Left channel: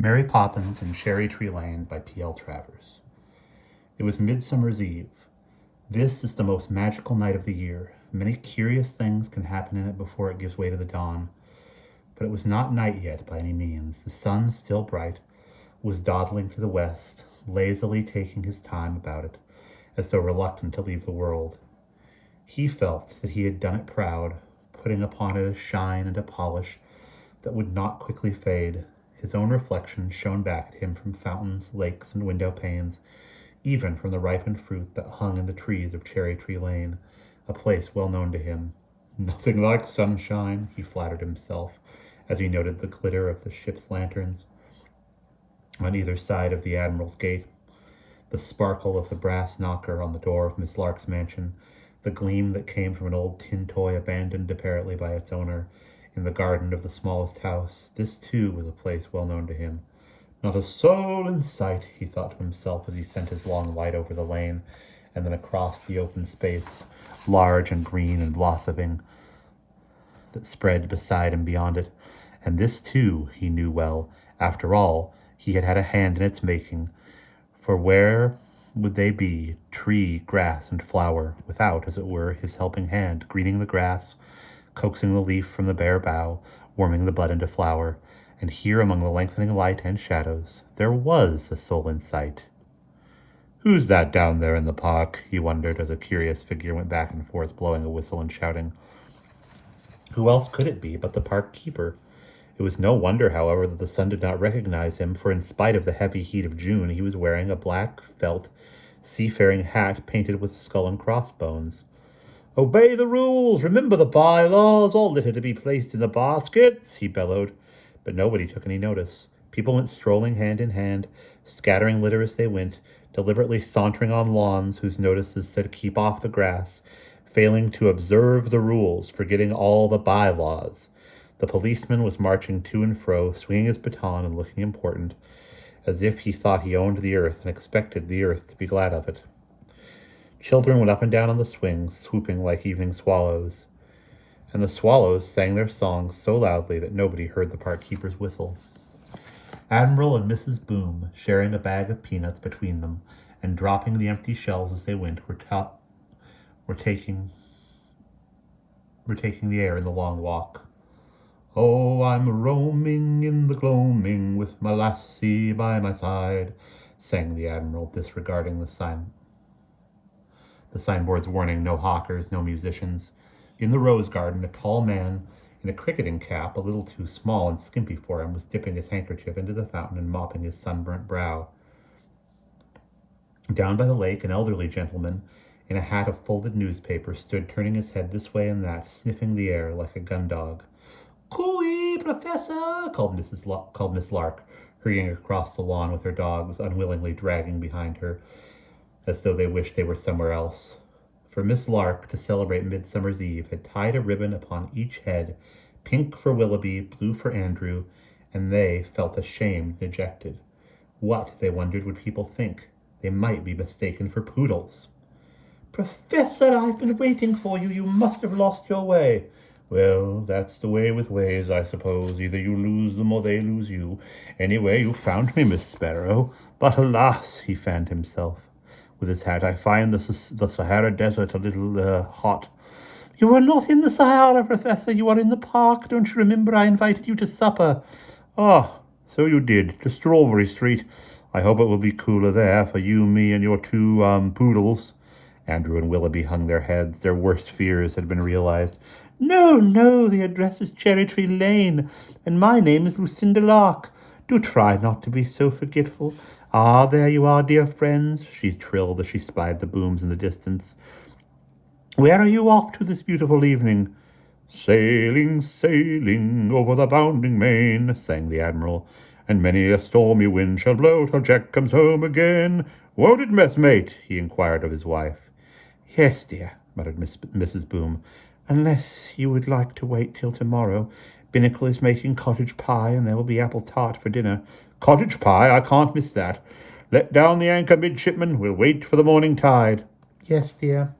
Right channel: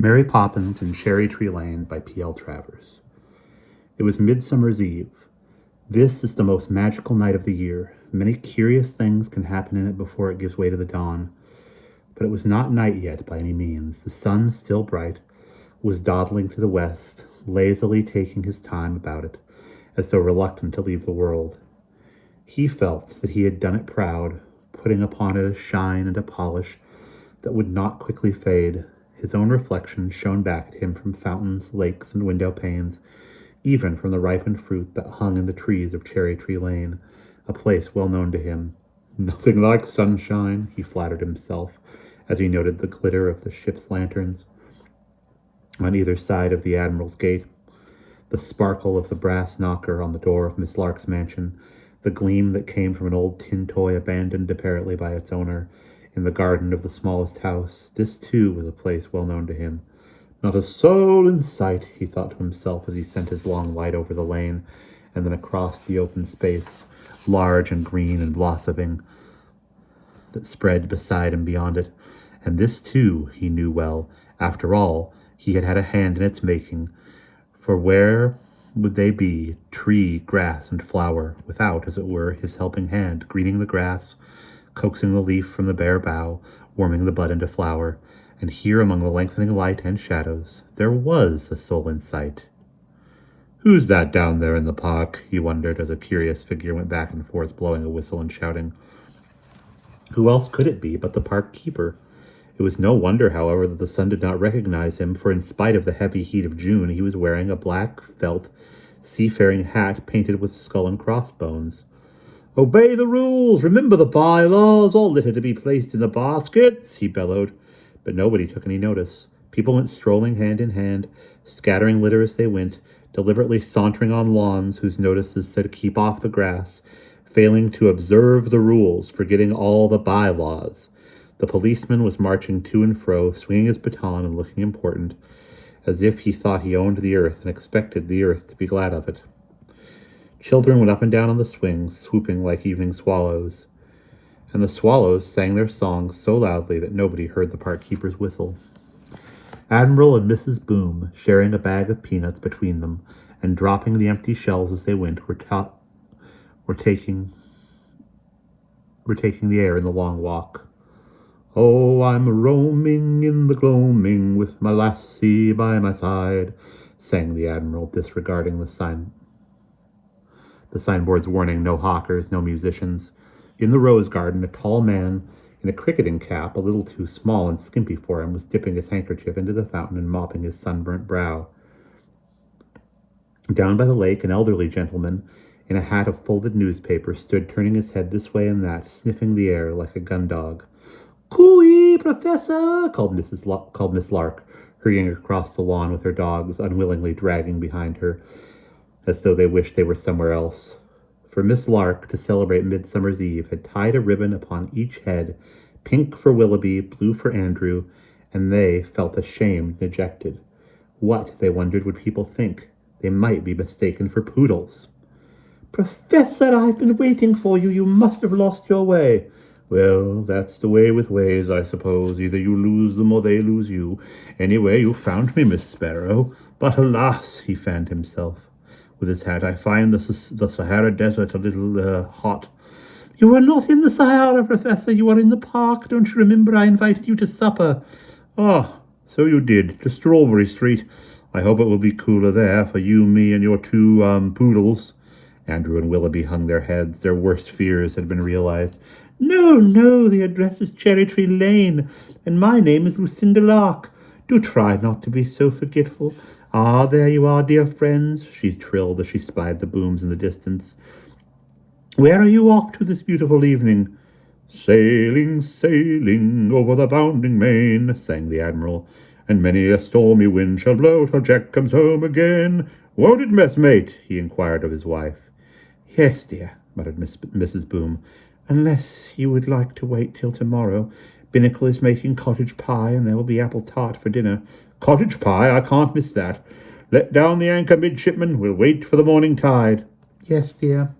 Mary Poppins and Cherry Tree Lane by P.L. Travers. It was Midsummer's Eve. This is the most magical night of the year. Many curious things can happen in it before it gives way to the dawn. But it was not night yet by any means. The sun, still bright, was dawdling to the west, lazily taking his time about it, as though reluctant to leave the world. He felt that he had done it proud, putting upon it a shine and a polish that would not quickly fade. His own reflection shone back at him from fountains, lakes, and window panes, even from the ripened fruit that hung in the trees of Cherry Tree Lane, a place well known to him. Nothing like sunshine, he flattered himself, as he noted the glitter of the ship's lanterns on either side of the Admiral's gate, the sparkle of the brass knocker on the door of Miss Lark's mansion, the gleam that came from an old tin toy abandoned apparently by its owner in the garden of the smallest house. This, too, was a place well known to him. Not a soul in sight, he thought to himself as he sent his long light over the lane and then across the open space, large and green and blossoming, that spread beside and beyond it. And this, too, he knew well. After all, he had had a hand in its making. For where would they be, tree, grass, and flower, without, as it were, his helping hand, greening the grass, coaxing the leaf from the bare bough, warming the bud into flower? And here, among the lengthening light and shadows, there was a soul in sight. "Who's that down there in the park?" he wondered, as a curious figure went back and forth, blowing a whistle and shouting. Who else could it be but the park keeper? It was no wonder, however, that the sun did not recognize him, for in spite of the heavy heat of June, he was wearing a black felt seafaring hat painted with skull and crossbones. "Obey the rules! Remember the bylaws! All litter to be placed in the baskets!" he bellowed. But nobody took any notice. People went strolling hand in hand, scattering litter as they went, deliberately sauntering on lawns whose notices said "keep off the grass," failing to observe the rules, forgetting all the bylaws. The policeman was marching to and fro, swinging his baton and looking important, as if he thought he owned the earth and expected the earth to be glad of it. Children went up and down on the swings, swooping like evening swallows, and the swallows sang their songs so loudly that nobody heard the park keeper's whistle. Admiral and Mrs. Boom, sharing a bag of peanuts between them and dropping the empty shells as they went, were taking the air in the long walk. "Oh, I'm roaming in the gloaming with my lassie by my side," sang the Admiral, disregarding the signboard's warning, "No hawkers, no musicians." In the rose garden, a tall man in a cricketing cap, a little too small and skimpy for him, was dipping his handkerchief into the fountain and mopping his sunburnt brow. Down by the lake, an elderly gentleman in a hat of folded newspaper stood turning his head this way and that, sniffing the air like a gun dog. "Cooey, Professor!" called Miss Lark, hurrying across the lawn with her dogs, unwillingly dragging behind her, as though they wished they were somewhere else. For Miss Lark, to celebrate Midsummer's Eve, had tied a ribbon upon each head, pink for Willoughby, blue for Andrew, and they felt ashamed and dejected. What, they wondered, would people think? They might be mistaken for poodles. "Professor, I've been waiting for you. You must have lost your way." "Well, that's the way with ways, I suppose. Either you lose them or they lose you. Anyway, you found me, Miss Sparrow. But alas," he fanned himself with his hat, "I find the Sahara Desert a little hot." "You are not in the Sahara, Professor. You are in the park. Don't you remember I invited you to supper?" "Ah, so you did, to Strawberry Street. I hope it will be cooler there for you, me, and your two poodles." Andrew and Willoughby hung their heads. Their worst fears had been realized. No, the address is Cherry Tree Lane, and my name is Lucinda Lark. Do try not to be so forgetful. Ah, there you are, dear friends," she trilled as she spied the booms in the distance. "Where are you off to this beautiful evening?" "Sailing, sailing over the bounding main," sang the Admiral, "and many a stormy wind shall blow till Jack comes home again. Won't it, messmate?" he inquired of his wife. "Yes, dear," muttered Mrs. Boom, "unless you would like to wait till tomorrow. Binnacle is making cottage pie, and there will be apple tart for dinner." "Cottage pie? I can't miss that. Let down the anchor, midshipman. We'll wait for the morning tide." "Yes, dear,"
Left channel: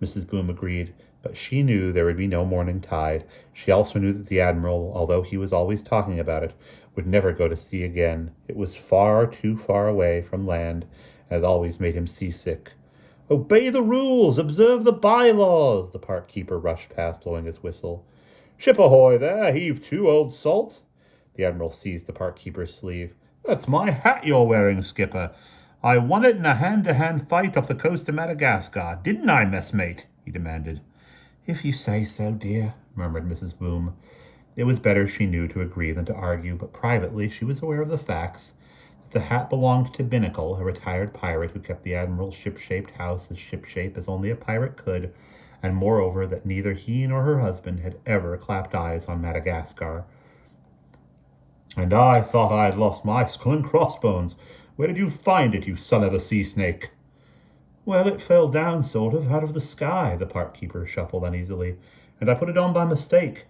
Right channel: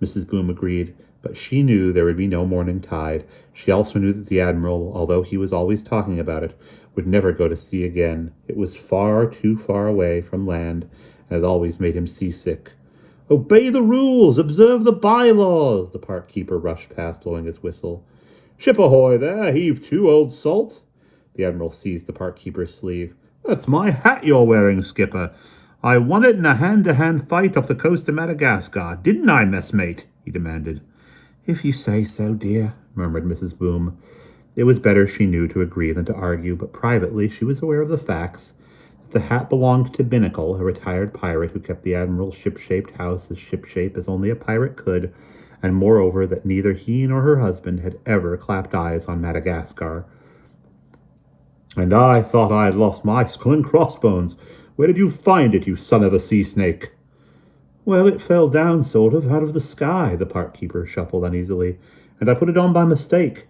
Mrs. Boom agreed, But she knew there would be no morning tide. She also knew that the Admiral, although he was always talking about it, would never go to sea again. It was far too far away from land, and it always made him seasick. "Obey the rules! Observe the bylaws!" The park keeper rushed past, blowing his whistle. "Ship ahoy there! Heave to, old salt!" The Admiral seized the park keeper's sleeve. "That's my hat you're wearing, Skipper. I won it in a hand-to-hand fight off the coast of Madagascar. Didn't I, messmate?" he demanded. "If you say so, dear," murmured Mrs. Boom. It was better, she knew, to agree than to argue, but privately she was aware of the facts. That the hat belonged to Binnacle, a retired pirate who kept the Admiral's ship-shaped house as ship-shape as only a pirate could, and moreover that neither he nor her husband had ever clapped eyes on Madagascar. "And I thought I had lost my skull and crossbones. Where did you find it, you son of a sea snake?" "Well, it fell down, sort of, out of the sky," the park keeper shuffled uneasily, "and I put it on by mistake.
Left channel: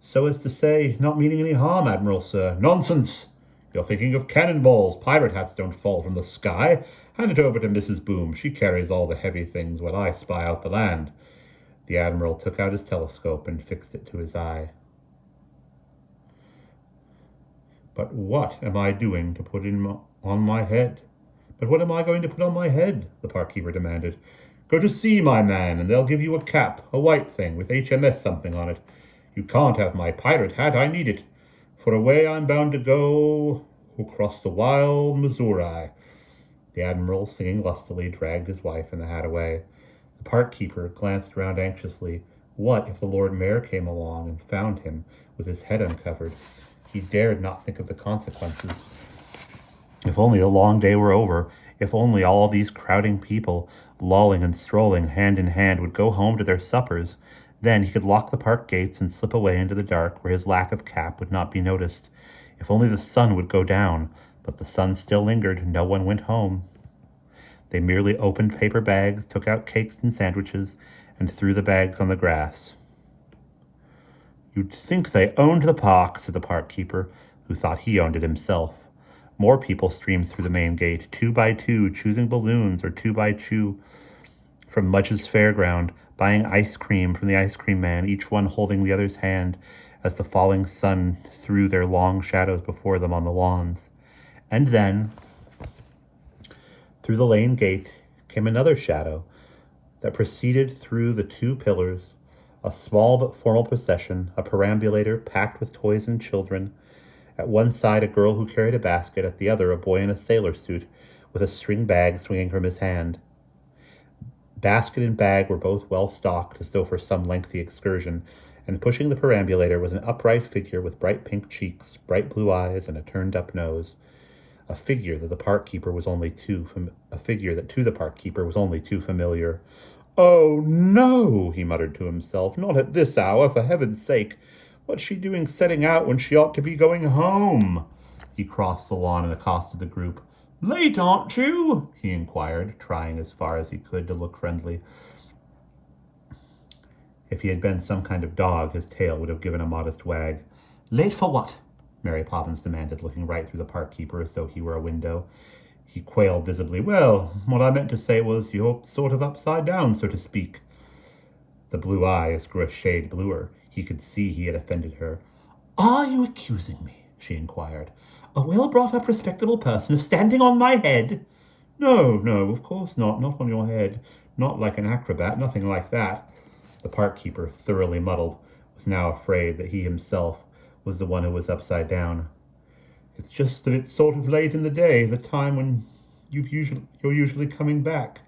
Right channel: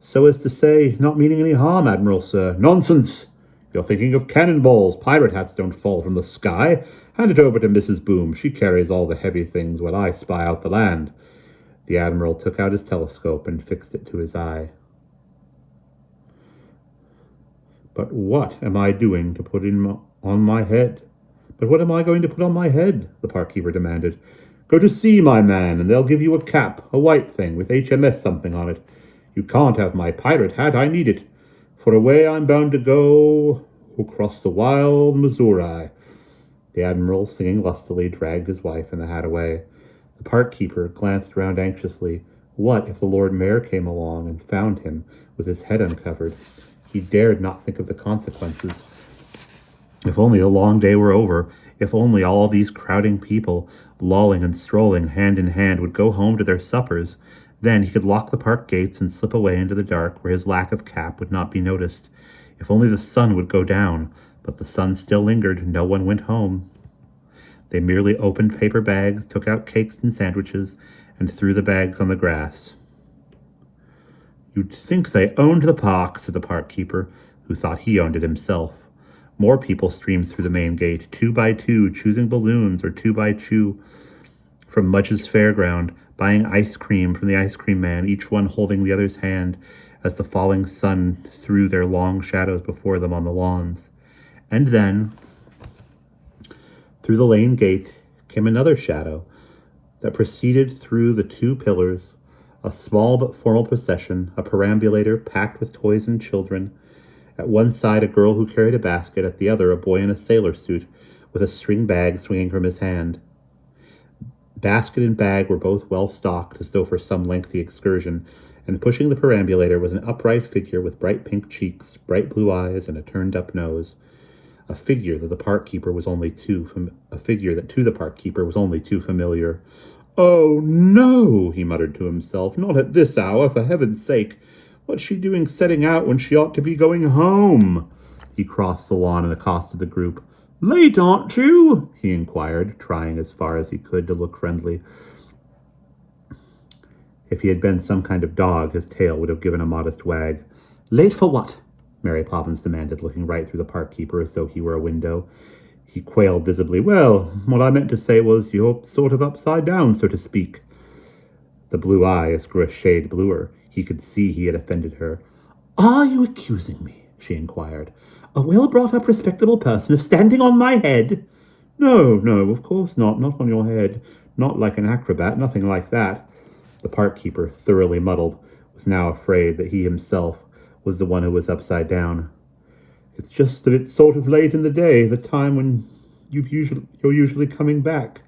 So as to say, not meaning any harm, Admiral, sir." "Nonsense! You're thinking of cannonballs. Pirate hats don't fall from the sky. Hand it over to Mrs. Boom. She carries all the heavy things while I spy out the land." The Admiral took out his telescope and fixed it to his eye. "But what am I doing to put on my head? But what am I going to put on my head?" the park keeper demanded. "Go to sea, my man, and they'll give you a cap, a white thing, with HMS something on it. You can't have my pirate hat. I need it. For away I'm bound to go across the wild Missouri." The Admiral, singing lustily, dragged his wife and the hat away. The park keeper glanced around anxiously. What if the Lord Mayor came along and found him with his head uncovered? He dared not think of the consequences. If only the long day were over. If only all these crowding people, lolling and strolling hand in hand, would go home to their suppers. Then he could lock the park gates and slip away into the dark where his lack of cap would not be noticed. If only the sun would go down. But the sun still lingered. No one went home. They merely opened paper bags, took out cakes and sandwiches, and threw the bags on the grass. "You'd think they owned the park," said the park keeper, who thought he owned it himself. More people streamed through the main gate, 2 by 2, choosing balloons or 2 by 2 from Mudge's fairground, buying ice cream from the ice cream man, each one holding the other's hand as the falling sun threw their long shadows before them on the lawns. And then, through the lane gate, came another shadow that proceeded through the 2 pillars, a small but formal procession, a perambulator packed with toys and children. At one side, a girl who carried a basket, at the other, a boy in a sailor suit with a string bag swinging from his hand. Basket and bag were both well stocked, as though for some lengthy excursion, and pushing the perambulator was an upright figure with bright pink cheeks, bright blue eyes, and a turned-up nose. A figure that to the park keeper was only too familiar. "Oh, no," he muttered to himself. "Not at this hour, for heaven's sake. What's she doing setting out when she ought to be going home?" He crossed the lawn and accosted the group. "Late, aren't you?" he inquired, trying as far as he could to look friendly. If he had been some kind of dog, his tail would have given a modest wag. "Late for what?" Mary Poppins demanded, looking right through the park keeper as though he were a window. He quailed visibly. "Well, what I meant to say was you're sort of upside down, so to speak." The blue eyes grew a shade bluer. He could see he had offended her. "Are you accusing me," she inquired, "a well-brought-up, respectable person, of standing on my head?" No, of course not. Not on your head. Not like an acrobat. Nothing like that." The park keeper, thoroughly muddled, was now afraid that he himself was the one who was upside down. "It's just that it's sort of late in the day, the time when you're usually coming back.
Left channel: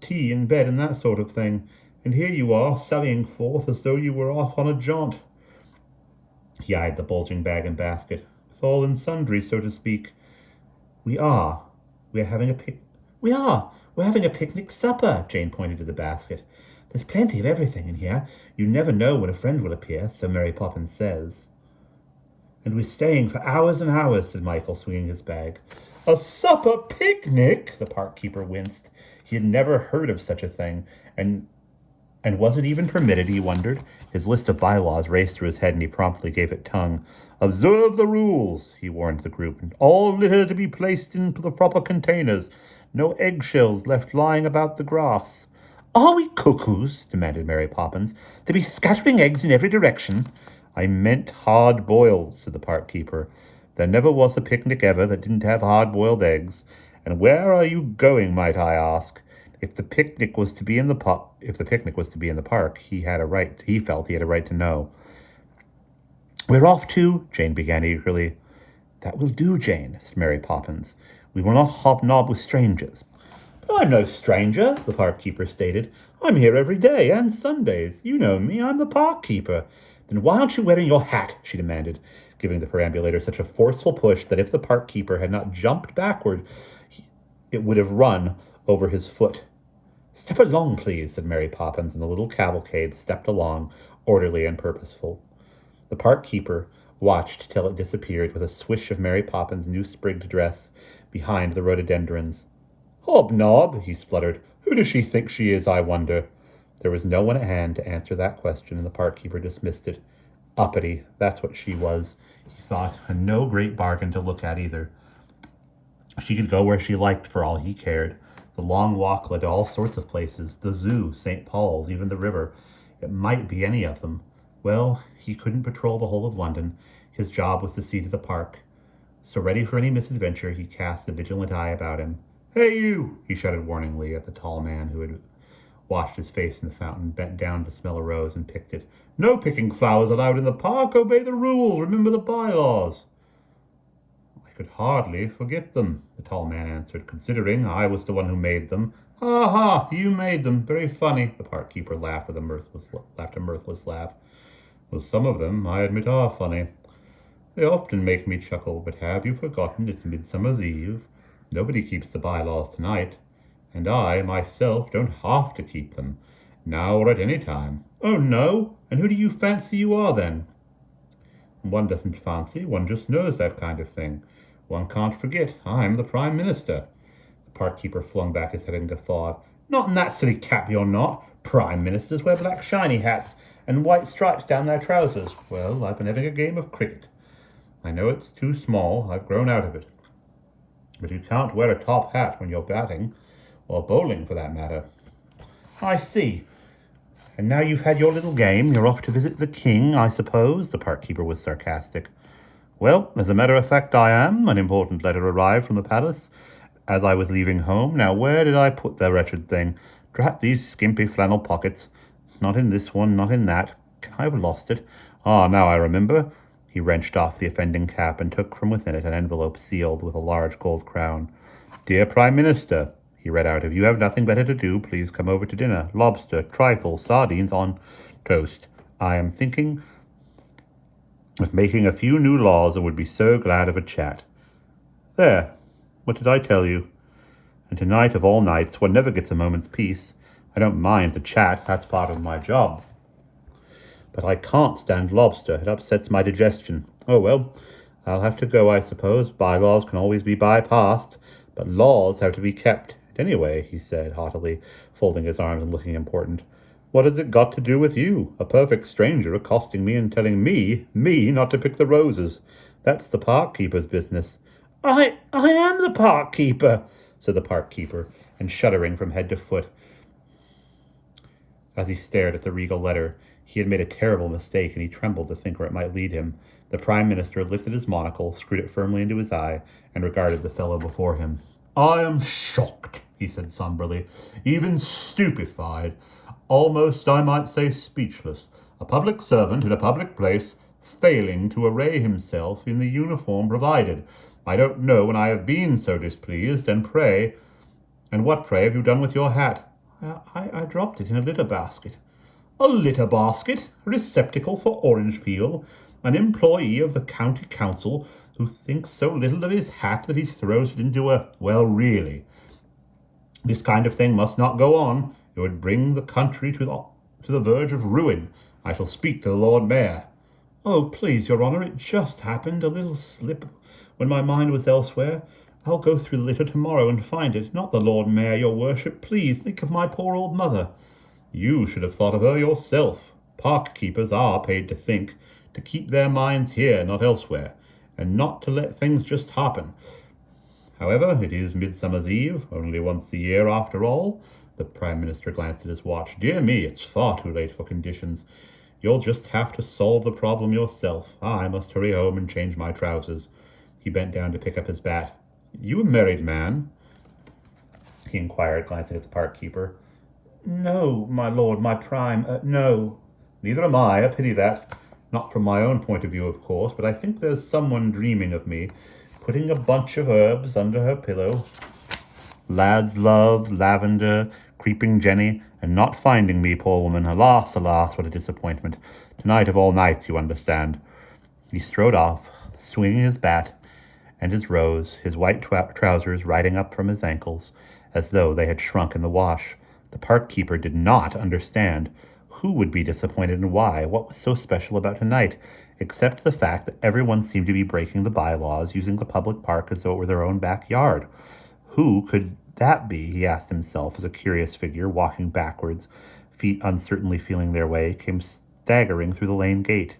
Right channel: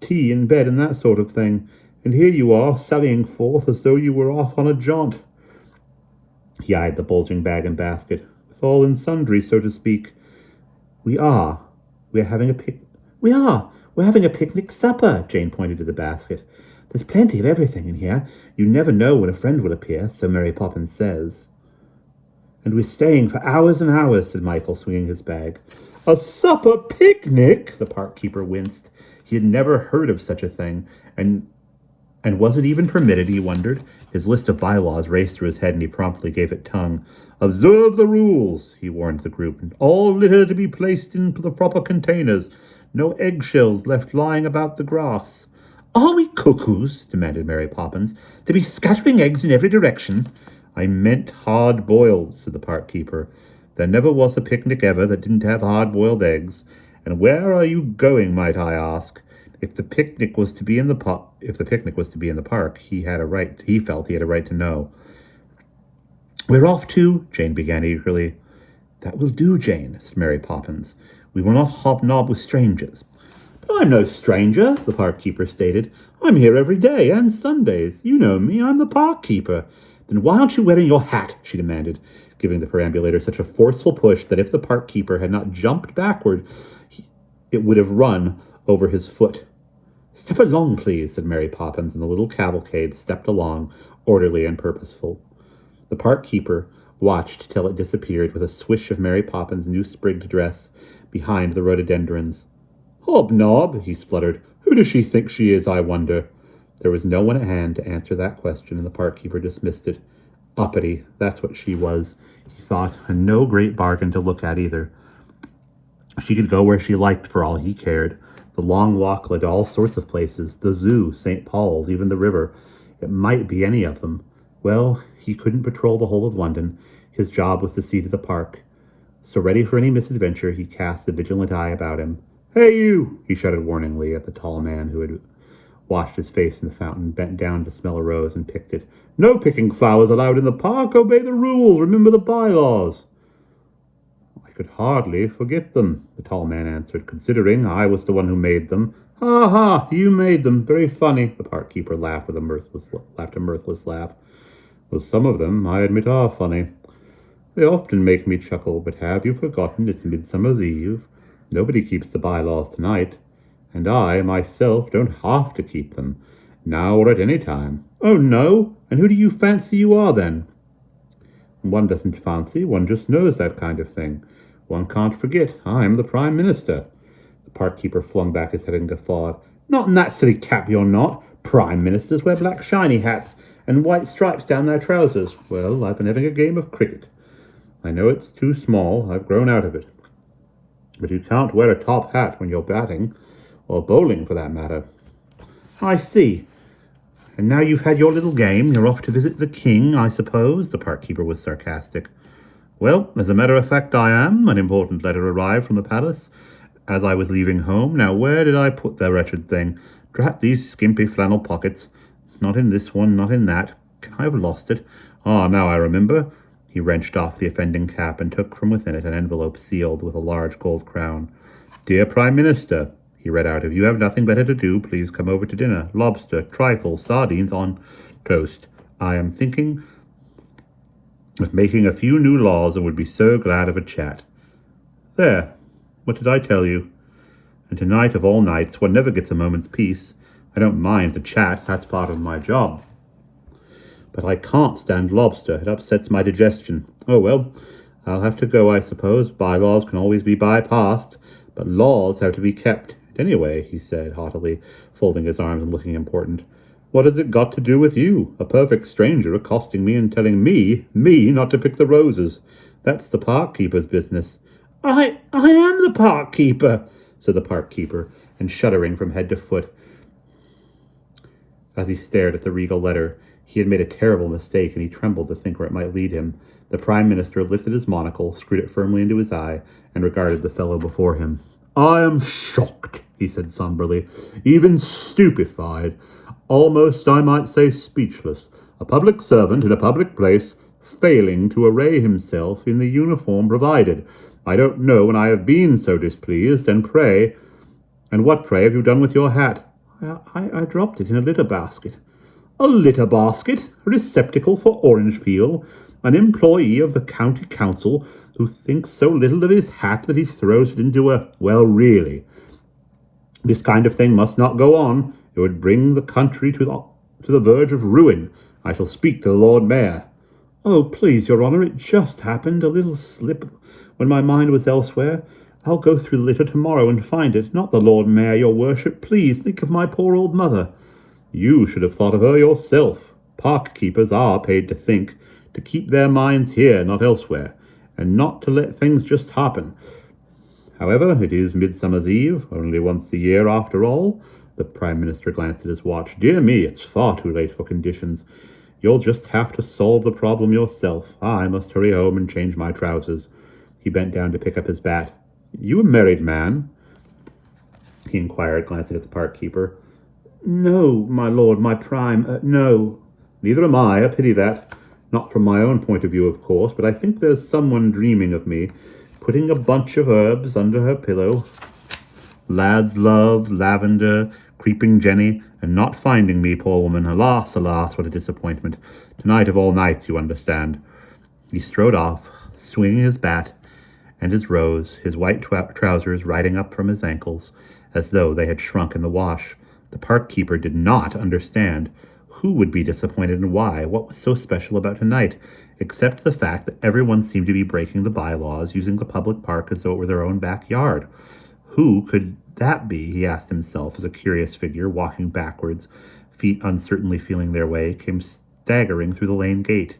Tea in bed and that sort of thing. And here you are, sallying forth as though you were off on a jaunt." He eyed the bulging bag and basket. "With all and sundry, so to speak." We are. We're having a We're having a picnic supper." Jane pointed to the basket. "There's plenty of everything in here. You never know when a friend will appear, so Mary Poppins says." "And we're staying for hours and hours," said Michael, swinging his bag. "A supper picnic?" The park keeper winced. He had never heard of such a thing, and was it even permitted, he wondered? His list of bylaws raced through his head, and he promptly gave it tongue. "Observe the rules," he warned the group. "All litter to be placed in the proper containers. No eggshells left lying about the grass. Are we cuckoos? Demanded Mary Poppins, to be scattering eggs in every direction? I meant hard-boiled, said the park keeper. There never was a picnic ever that didn't have hard-boiled eggs. And where are you going, might I ask? If the picnic was to be in the park, he felt he had a right to know. We're off to, Jane began eagerly. That will do, Jane, said Mary Poppins. We will not hobnob with strangers. But I'm no stranger, the park keeper stated. I'm here every day, and Sundays. You know me, I'm the park keeper. Then why aren't you wearing your hat? She demanded, giving the perambulator such a forceful push that if the park keeper had not jumped backward, it would have run over his foot. Step along, please, said Mary Poppins, and the little cavalcade stepped along, orderly and purposeful. The park keeper watched till it disappeared with a swish of Mary Poppins' new sprigged dress behind the rhododendrons. Hobnob, he spluttered. Who does she think she is, I wonder? There was no one at hand to answer that question, and the park keeper dismissed it. Uppity, that's what she was, he thought, and no great bargain to look at either. She could go where she liked for all he cared. The long walk led to all sorts of places, the zoo, St. Paul's, even the river. It might be any of them. Well, he couldn't patrol the whole of London. His job was to see to the park. So ready for any misadventure, he cast a vigilant eye about him. Hey, you! He shouted warningly at the tall man who had washed his face in the fountain, bent down to smell a rose, and picked it. No picking flowers allowed in the park. Obey the rules. Remember the bylaws. I could hardly forget them, the tall man answered, considering I was the one who made them. Ha ha! You made them. Very funny. The park keeper laughed a mirthless laugh. Well, some of them, I admit, are funny. They often make me chuckle, but have you forgotten it's Midsummer's Eve? Nobody keeps the bylaws tonight, and I, myself, don't have to keep them, now or at any time. Oh, no? And who do you fancy you are, then? One doesn't fancy, one just knows that kind of thing. One can't forget, I'm the Prime Minister. The park keeper flung back his head and guffawed. Not in that silly cap, you're not. Prime Ministers wear black shiny hats and white stripes down their trousers. Well, I've been having a game of cricket. I know it's too small, I've grown out of it. But you can't wear a top hat when you're batting, or bowling for that matter. I see. And now you've had your little game, you're off to visit the king, I suppose? The park keeper was sarcastic. Well, as a matter of fact, I am. An important letter arrived from the palace as I was leaving home. Now, where did I put the wretched thing? Drat these skimpy flannel pockets. Not in this one, not in that. Can I have lost it? Ah, now I remember. He wrenched off the offending cap and took from within it an envelope sealed with a large gold crown. Dear Prime Minister, he read out, if you have nothing better to do, please come over to dinner. Lobster, trifle, sardines on toast. I am thinking of making a few new laws and would be so glad of a chat. There, what did I tell you? And tonight of all nights, one never gets a moment's peace. I don't mind the chat, that's part of my job. But I can't stand lobster. It upsets my digestion. Oh, well, I'll have to go, I suppose. Bylaws can always be bypassed, but laws have to be kept. Anyway, he said haughtily, folding his arms and looking important, what has it got to do with you? A perfect stranger accosting me and telling me not to pick the roses. That's the park keeper's business. I am the park keeper, said the park keeper, and shuddering from head to foot as he stared at the regal letter. He had made a terrible mistake, and he trembled to think where it might lead him. The Prime Minister lifted his monocle, screwed it firmly into his eye, and regarded the fellow before him. I am shocked, he said somberly, even stupefied, almost, I might say, speechless. A public servant in a public place, failing to array himself in the uniform provided. I don't know when I have been so displeased, and what, pray, have you done with your hat? I dropped it in a litter basket. A litter basket? A receptacle for orange peel? An employee of the county council who thinks so little of his hat that he throws it into a... Well, really, this kind of thing must not go on. It would bring the country to the verge of ruin. I shall speak to the Lord Mayor. Oh, please, Your Honour, it just happened. A little slip when my mind was elsewhere. I'll go through the litter tomorrow and find it. Not the Lord Mayor, Your Worship. Please think of my poor old mother. You should have thought of her yourself. Park keepers are paid to think, to keep their minds here, not elsewhere, and not to let things just happen. However, it is Midsummer's Eve, only once a year after all. The Prime Minister glanced at his watch. Dear me, it's far too late for conditions. You'll just have to solve the problem yourself. I must hurry home and change my trousers. He bent down to pick up his bat. You a married man? He inquired, glancing at the park keeper. No, my lord, my prime, no. Neither am I, a pity that. Not from my own point of view, of course, but I think there's someone dreaming of me, putting a bunch of herbs under her pillow. Lad's love, lavender, creeping Jenny, and not finding me, poor woman. Alas, alas, what a disappointment. Tonight of all nights, you understand. He strode off, swinging his bat and his rose, his white trousers riding up from his ankles, as though they had shrunk in the wash. The park keeper did not understand. Who would be disappointed and why? What was so special about tonight, except the fact that everyone seemed to be breaking the bylaws, using the public park as though it were their own backyard? Who could that be, he asked himself, as a curious figure, walking backwards, feet uncertainly feeling their way, came staggering through the lane gate.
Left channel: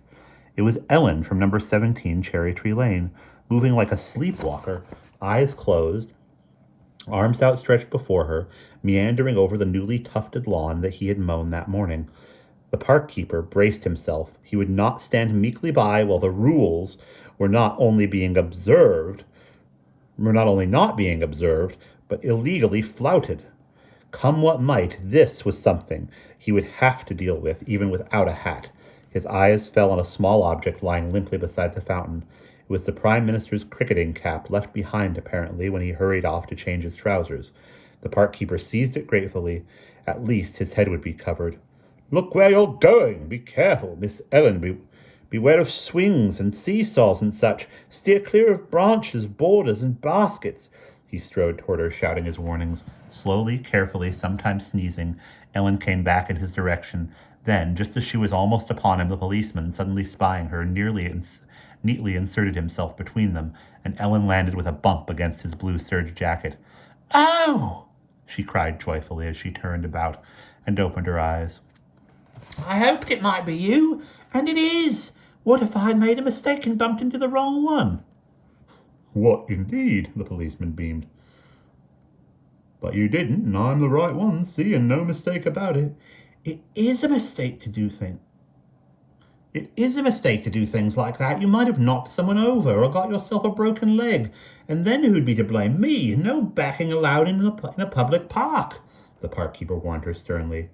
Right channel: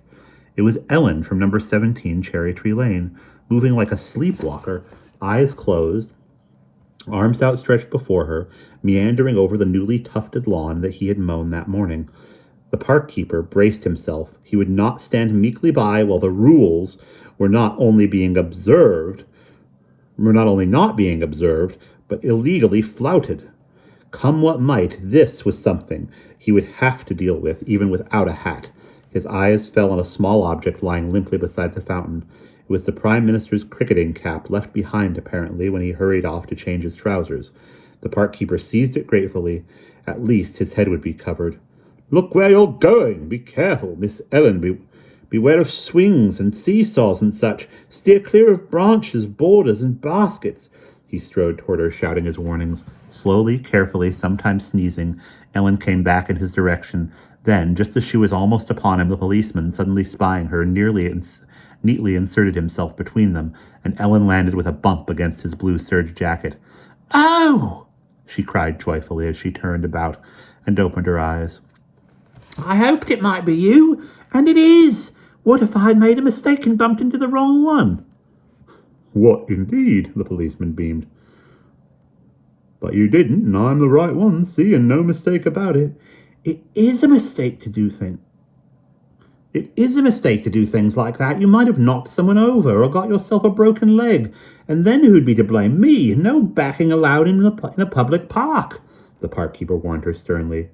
It was Ellen from number 17 Cherry Tree Lane, moving like a sleepwalker, eyes closed, arms outstretched before her, meandering over the newly tufted lawn that he had mown that morning. The park keeper braced himself. He would not stand meekly by while the rules were not only not being observed, but illegally flouted. Come what might, this was something he would have to deal with, even without a hat. His eyes fell on a small object lying limply beside the fountain. It was the Prime Minister's cricketing cap, left behind apparently when he hurried off to change his trousers. The park keeper seized it gratefully. At least his head would be covered. Look where you're going. Be careful, Miss Ellen. Beware of swings and seesaws and such. Steer clear of branches, borders, and baskets. He strode toward her, shouting his warnings. Slowly, carefully, sometimes sneezing, Ellen came back in his direction. Then, just as she was almost upon him, the policeman, suddenly spying her, neatly inserted himself between them, and Ellen landed with a bump against his blue serge jacket. Oh! She cried joyfully as she turned about and opened her eyes. I hoped it might be you, and it is. What if I'd made a mistake and bumped into the wrong one? What, indeed? The policeman beamed. But you didn't, and I'm the right one, see, and no mistake about it. It is a mistake to do things. It is a mistake to do things like that. You might have knocked someone over or got yourself a broken leg. And then who'd be to blame? Me. No backing allowed in a public park, the park keeper warned her sternly.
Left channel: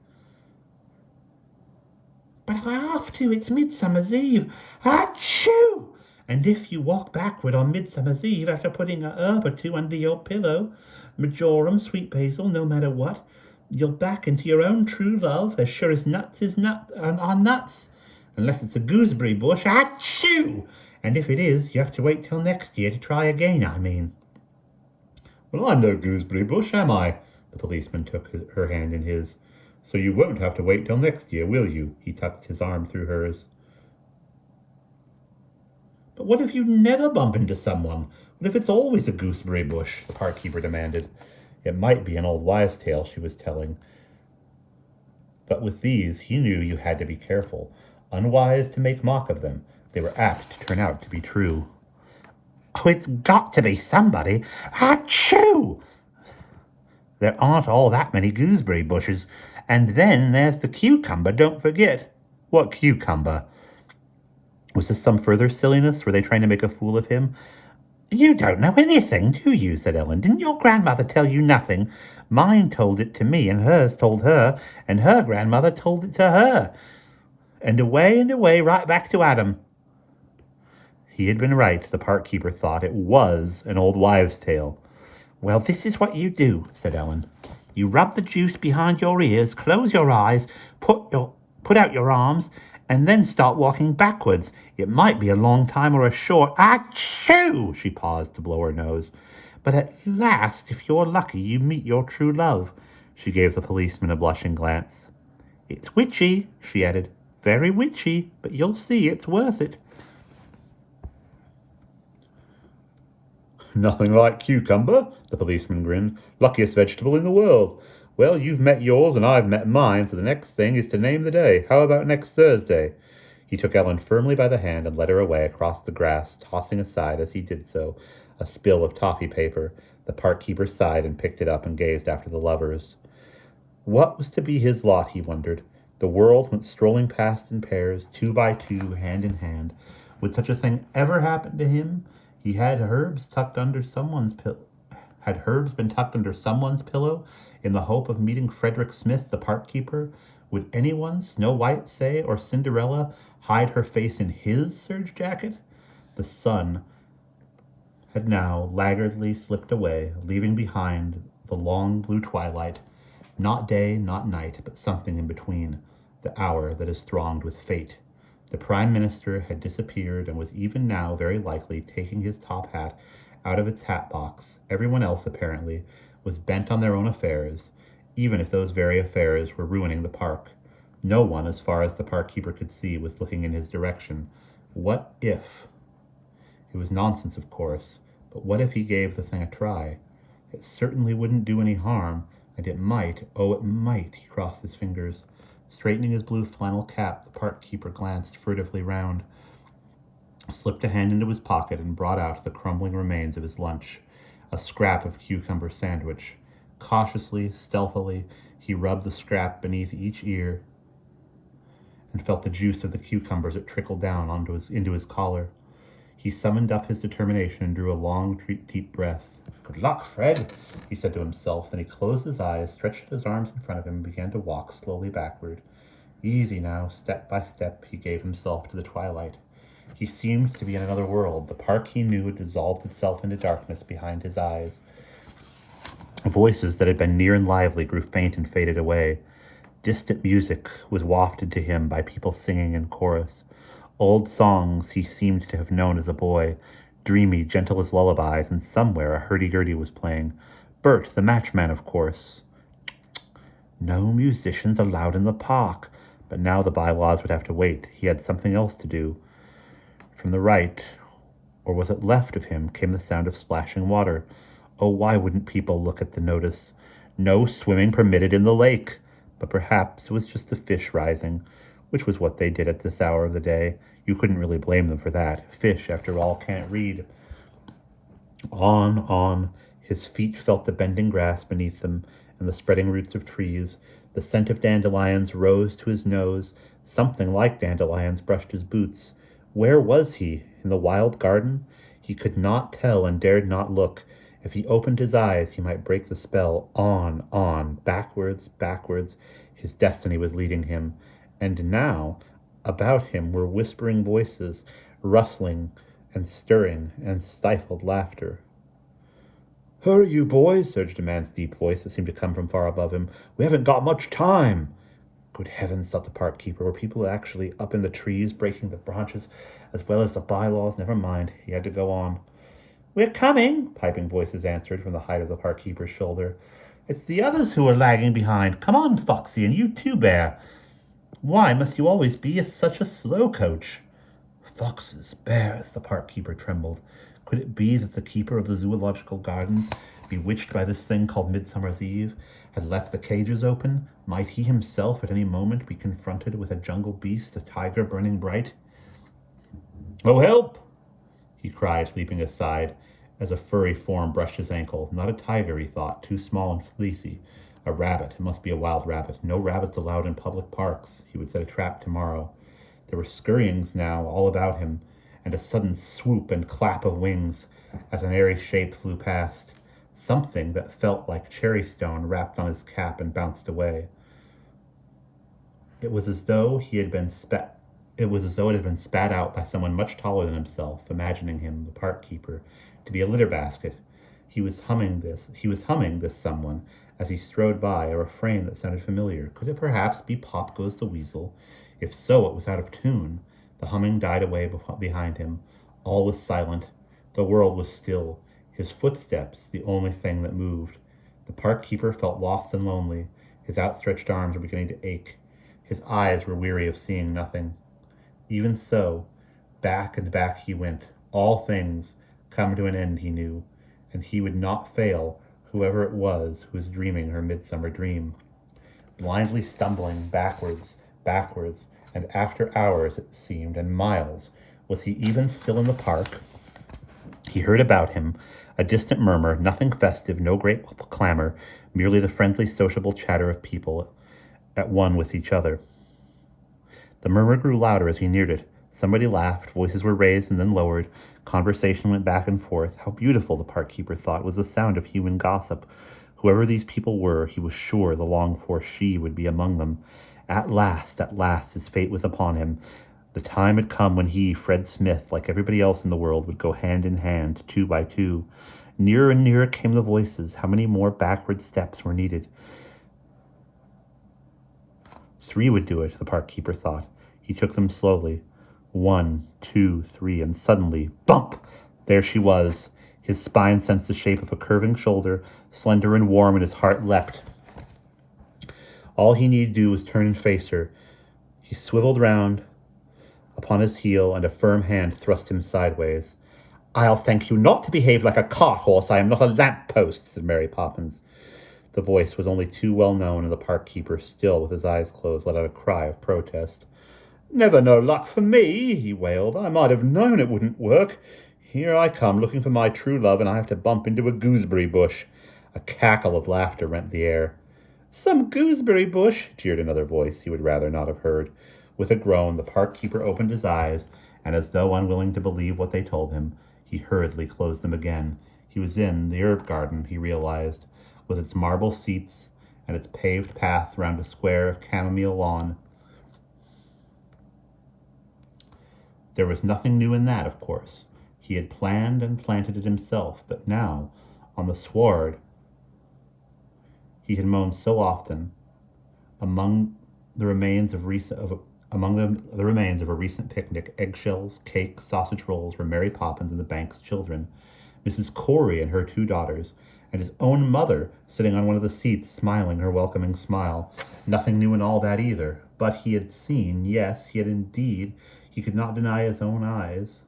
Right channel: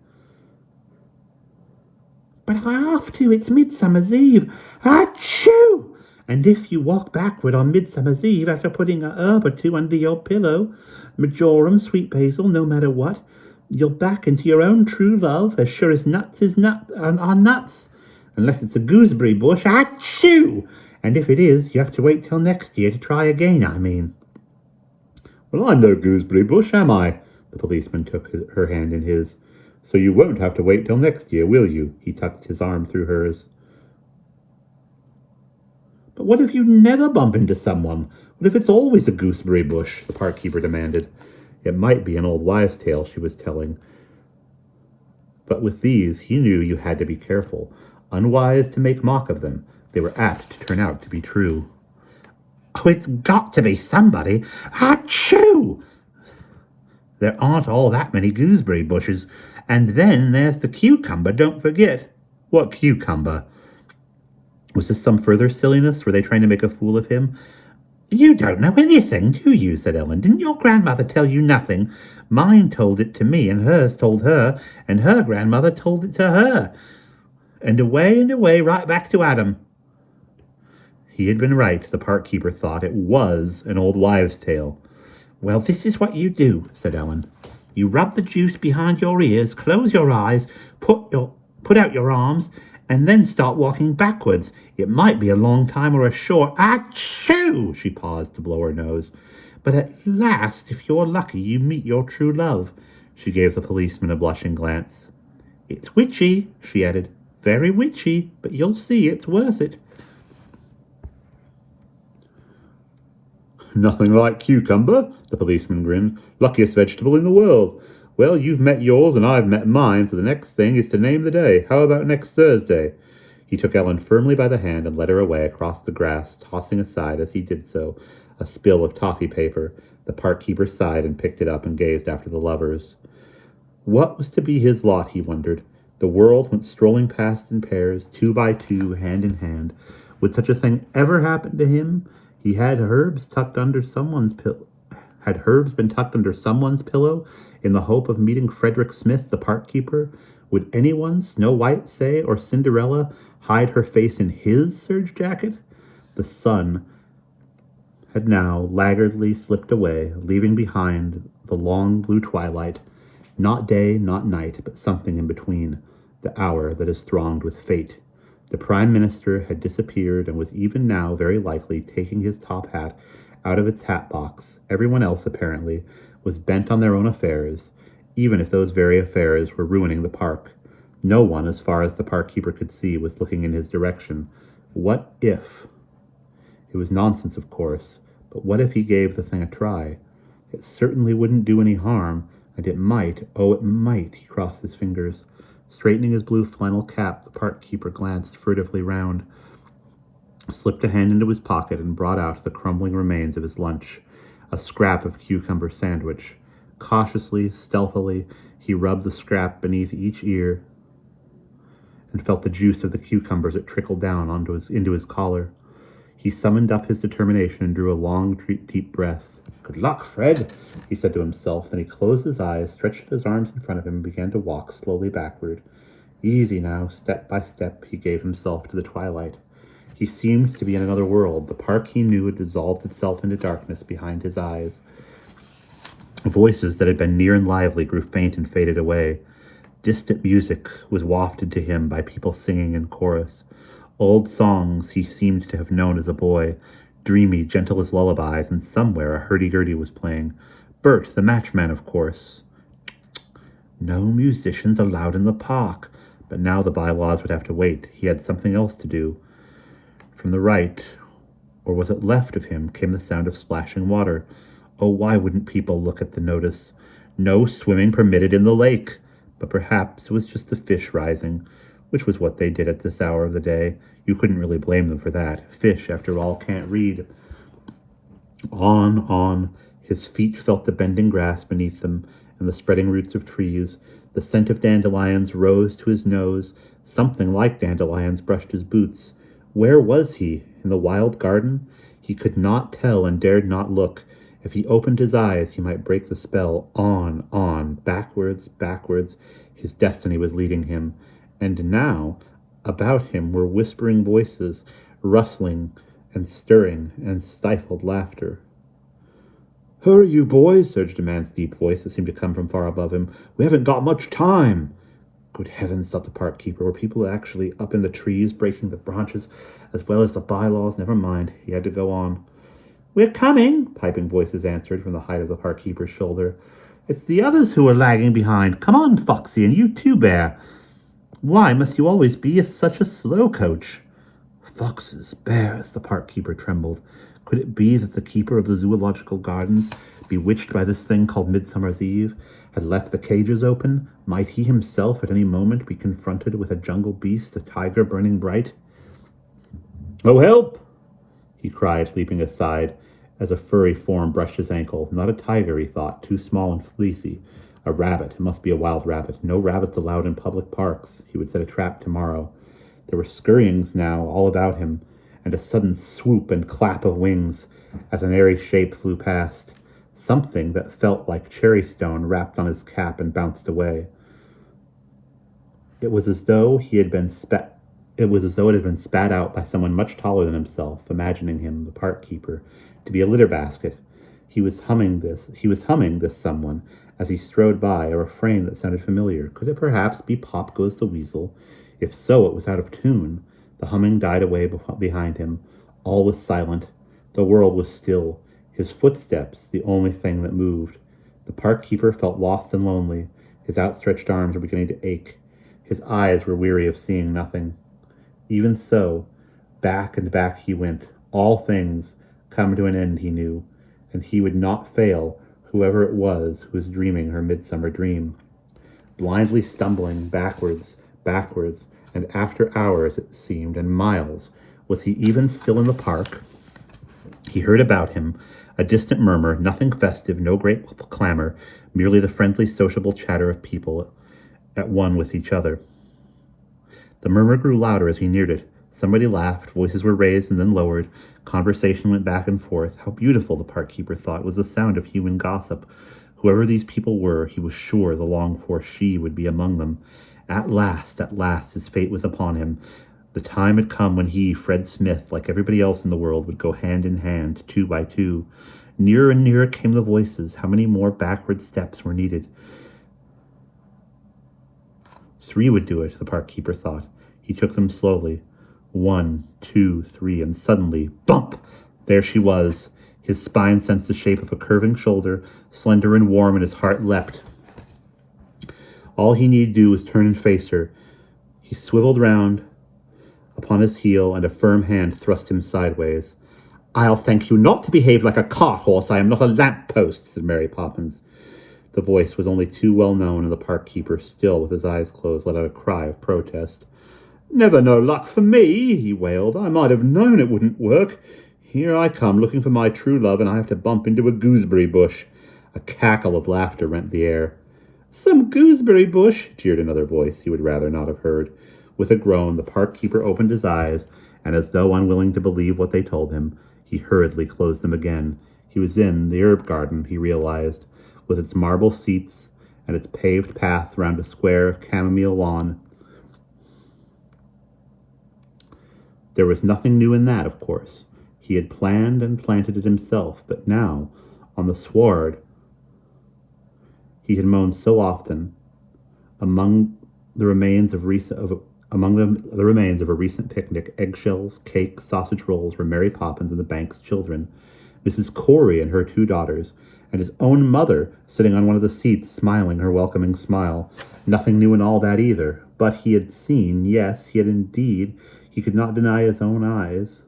But I have to. It's Midsummer's Eve. Achoo! And if you walk backward on Midsummer's Eve after putting a herb or two under your pillow, marjoram, sweet basil, no matter what, you'll back into your own true love as sure as nuts are nuts. Unless it's a gooseberry bush. Achoo! And if it is, you have to wait till next year to try again, I mean. Well, I'm no gooseberry bush, am I? The policeman took her hand in his. So you won't have to wait till next year, will you? He tucked his arm through hers. But what if you never bump into someone? What if it's always a gooseberry bush? The park keeper demanded. It might be an old wives' tale she was telling. But with these, he knew you had to be careful. Unwise to make mock of them. They were apt to turn out to be true. Oh, it's got to be somebody. Achoo! There aren't all that many gooseberry bushes. And then there's the cucumber, don't forget. What cucumber? Was this some further silliness? Were they trying to make a fool of him? You don't know anything, do you? Said Ellen. Didn't your grandmother tell you nothing? Mine told it to me, and hers told her, and her grandmother told it to her. And away, right back to Adam. He had been right, the park keeper thought. It was an old wives' tale. Well, this is what you do, said Ellen. You rub the juice behind your ears, close your eyes, put out your arms, and then start walking backwards. It might be a long time or a short. Achoo! She paused to blow her nose. But at last, if you're lucky, you meet your true love. She gave the policeman a blushing glance. It's witchy, she added. Very witchy, but you'll see it's worth it. Nothing like cucumber, the policeman grinned. Luckiest vegetable in the world. Well, you've met yours and I've met mine, so the next thing is to name the day. How about next Thursday? He took Ellen firmly by the hand and led her away across the grass, tossing aside as he did so a spill of toffee paper. The park keeper sighed and picked it up and gazed after the lovers. What was to be his lot, he wondered. The world went strolling past in pairs, 2 by 2, hand in hand. Would such a thing ever happen to him? He had herbs tucked under someone's pillow. Had herbs been tucked under someone's pillow in the hope of meeting Frederick Smith, the park keeper? Would anyone, Snow White, say, or Cinderella, hide her face in his serge jacket? The sun had now laggardly slipped away, leaving behind the long blue twilight, not day, not night, but something in between, the hour that is thronged with fate. The Prime Minister had disappeared and was even now very likely taking his top hat out of its hat box. Everyone else, apparently, was bent on their own affairs, even if those very affairs were ruining the park. No one, as far as the park keeper could see, was looking in his direction. What if? It was nonsense, of course, but what if he gave the thing a try? It certainly wouldn't do any harm, and it might, oh, it might, he crossed his fingers. Straightening his blue flannel cap, the park keeper glanced furtively round, slipped a hand into his pocket, and brought out the crumbling remains of his lunch, a scrap of cucumber sandwich. Cautiously, stealthily, he rubbed the scrap beneath each ear and felt the juice of the cucumbers that trickled down into his collar. He summoned up his determination and drew a long, deep breath. "Good luck, Fred," he said to himself. Then he closed his eyes, stretched his arms in front of him, and began to walk slowly backward. Easy now, step by step, he gave himself to the twilight. He seemed to be in another world. The park he knew had dissolved itself into darkness behind his eyes. Voices that had been near and lively grew faint and faded away. Distant music was wafted to him by people singing in chorus. Old songs he seemed to have known as a boy, dreamy, gentle as lullabies, and somewhere a hurdy-gurdy was playing. Bert, the matchman, of course. No musicians allowed in the park. But now the bylaws would have to wait. He had something else to do. From the right, or was it left of him, came the sound of splashing water. Oh, why wouldn't people look at the notice? No swimming permitted in the lake. But perhaps it was just the fish rising, which was what they did at this hour of the day. You couldn't really blame them for that. Fish, after all, can't read. On. His feet felt the bending grass beneath them and the spreading roots of trees. The scent of dandelions rose to his nose. Something like dandelions brushed his boots. Where was he? In the wild garden? He could not tell and dared not look. If he opened his eyes, he might break the spell. On, backwards. His destiny was leading him. And now, about him were whispering voices, rustling and stirring and stifled laughter. "Hurry, you boys," surged a man's deep voice that seemed to come from far above him. "We haven't got much time." Good heavens, thought the park keeper. Were people actually up in the trees, breaking the branches, as well as the bylaws? Never mind. He had to go on. "We're coming," piping voices answered from the height of the park keeper's shoulder. "It's the others who are lagging behind. Come on, Foxy, and you too, Bear. Why must you always be such a slow coach?" Foxes, bears, the park keeper trembled. Could it be that the keeper of the zoological gardens, bewitched by this thing called Midsummer's Eve, had left the cages open? Might he himself at any moment be confronted with a jungle beast, a tiger burning bright? "Oh, help!" he cried, leaping aside as a furry form brushed his ankle. Not a tiger, he thought, too small and fleecy. A rabbit. It must be a wild rabbit. No rabbits allowed in public parks. He would set a trap tomorrow. There were scurryings now all about him, and a sudden swoop and clap of wings as an airy shape flew past. Something that felt like cherry stone rapped on his cap and bounced away. It was as though it had been spat out by someone much taller than himself, imagining him, the park keeper, to be a litter basket. He was humming this someone as he strode by, a refrain that sounded familiar. Could it perhaps be Pop Goes the Weasel? If so, it was out of tune. The humming died away behind him. All was silent. The world was still. His footsteps, the only thing that moved. The park keeper felt lost and lonely. His outstretched arms were beginning to ache. His eyes were weary of seeing nothing. Even so, back and back he went. All things come to an end, he knew, and he would not fail whoever it was who was dreaming her midsummer dream. Blindly stumbling backwards, and after hours, it seemed, and miles, was he even still in the park? He heard about him a distant murmur, nothing festive, no great clamor, merely the friendly, sociable chatter of people at one with each other. The murmur grew louder as he neared it. Somebody laughed, voices were raised and then lowered, conversation went back and forth. How beautiful, the park keeper thought, was the sound of human gossip. Whoever these people were, he was sure the longed-for she would be among them. At last, his fate was upon him. The time had come when he, Fred Smith, like everybody else in the world, would go hand in hand, 2 by 2. Nearer and nearer came the voices. How many more backward steps were needed? 3 would do it, the park keeper thought. He took them slowly. 1, 2, 3, and suddenly, bump! There she was. His spine sensed the shape of a curving shoulder, slender and warm, and his heart leapt. All he need do was turn and face her. He swiveled round upon his heel, and a firm hand thrust him sideways. "I'll thank you not to behave like a cart-horse. I am not a lamp-post," said Mary Poppins. The voice was only too well known, and the park keeper, still with his eyes closed, let out a cry of protest. "Never no luck for me," he wailed. "I might have known it wouldn't work. Here I come, looking for my true love, and I have to bump into a gooseberry bush." A cackle of laughter rent the air. "Some gooseberry bush," jeered another voice he would rather not have heard. With a groan, the park keeper opened his eyes, and as though unwilling to believe what they told him, he hurriedly closed them again. He was in the herb garden, he realized, with its marble seats and its paved path round a square of chamomile lawn. There was nothing new in that, of course. He had planned and planted it himself, but now, on the sward he had mown so often, among the remains of a recent picnic, eggshells, cake, sausage rolls were Mary Poppins and the bank's children, Mrs. Corey and her 2 daughters, and his own mother sitting on one of the seats, smiling her welcoming smile. Nothing new in all that either, but he had seen, yes, he had indeed, he could not deny his own eyes,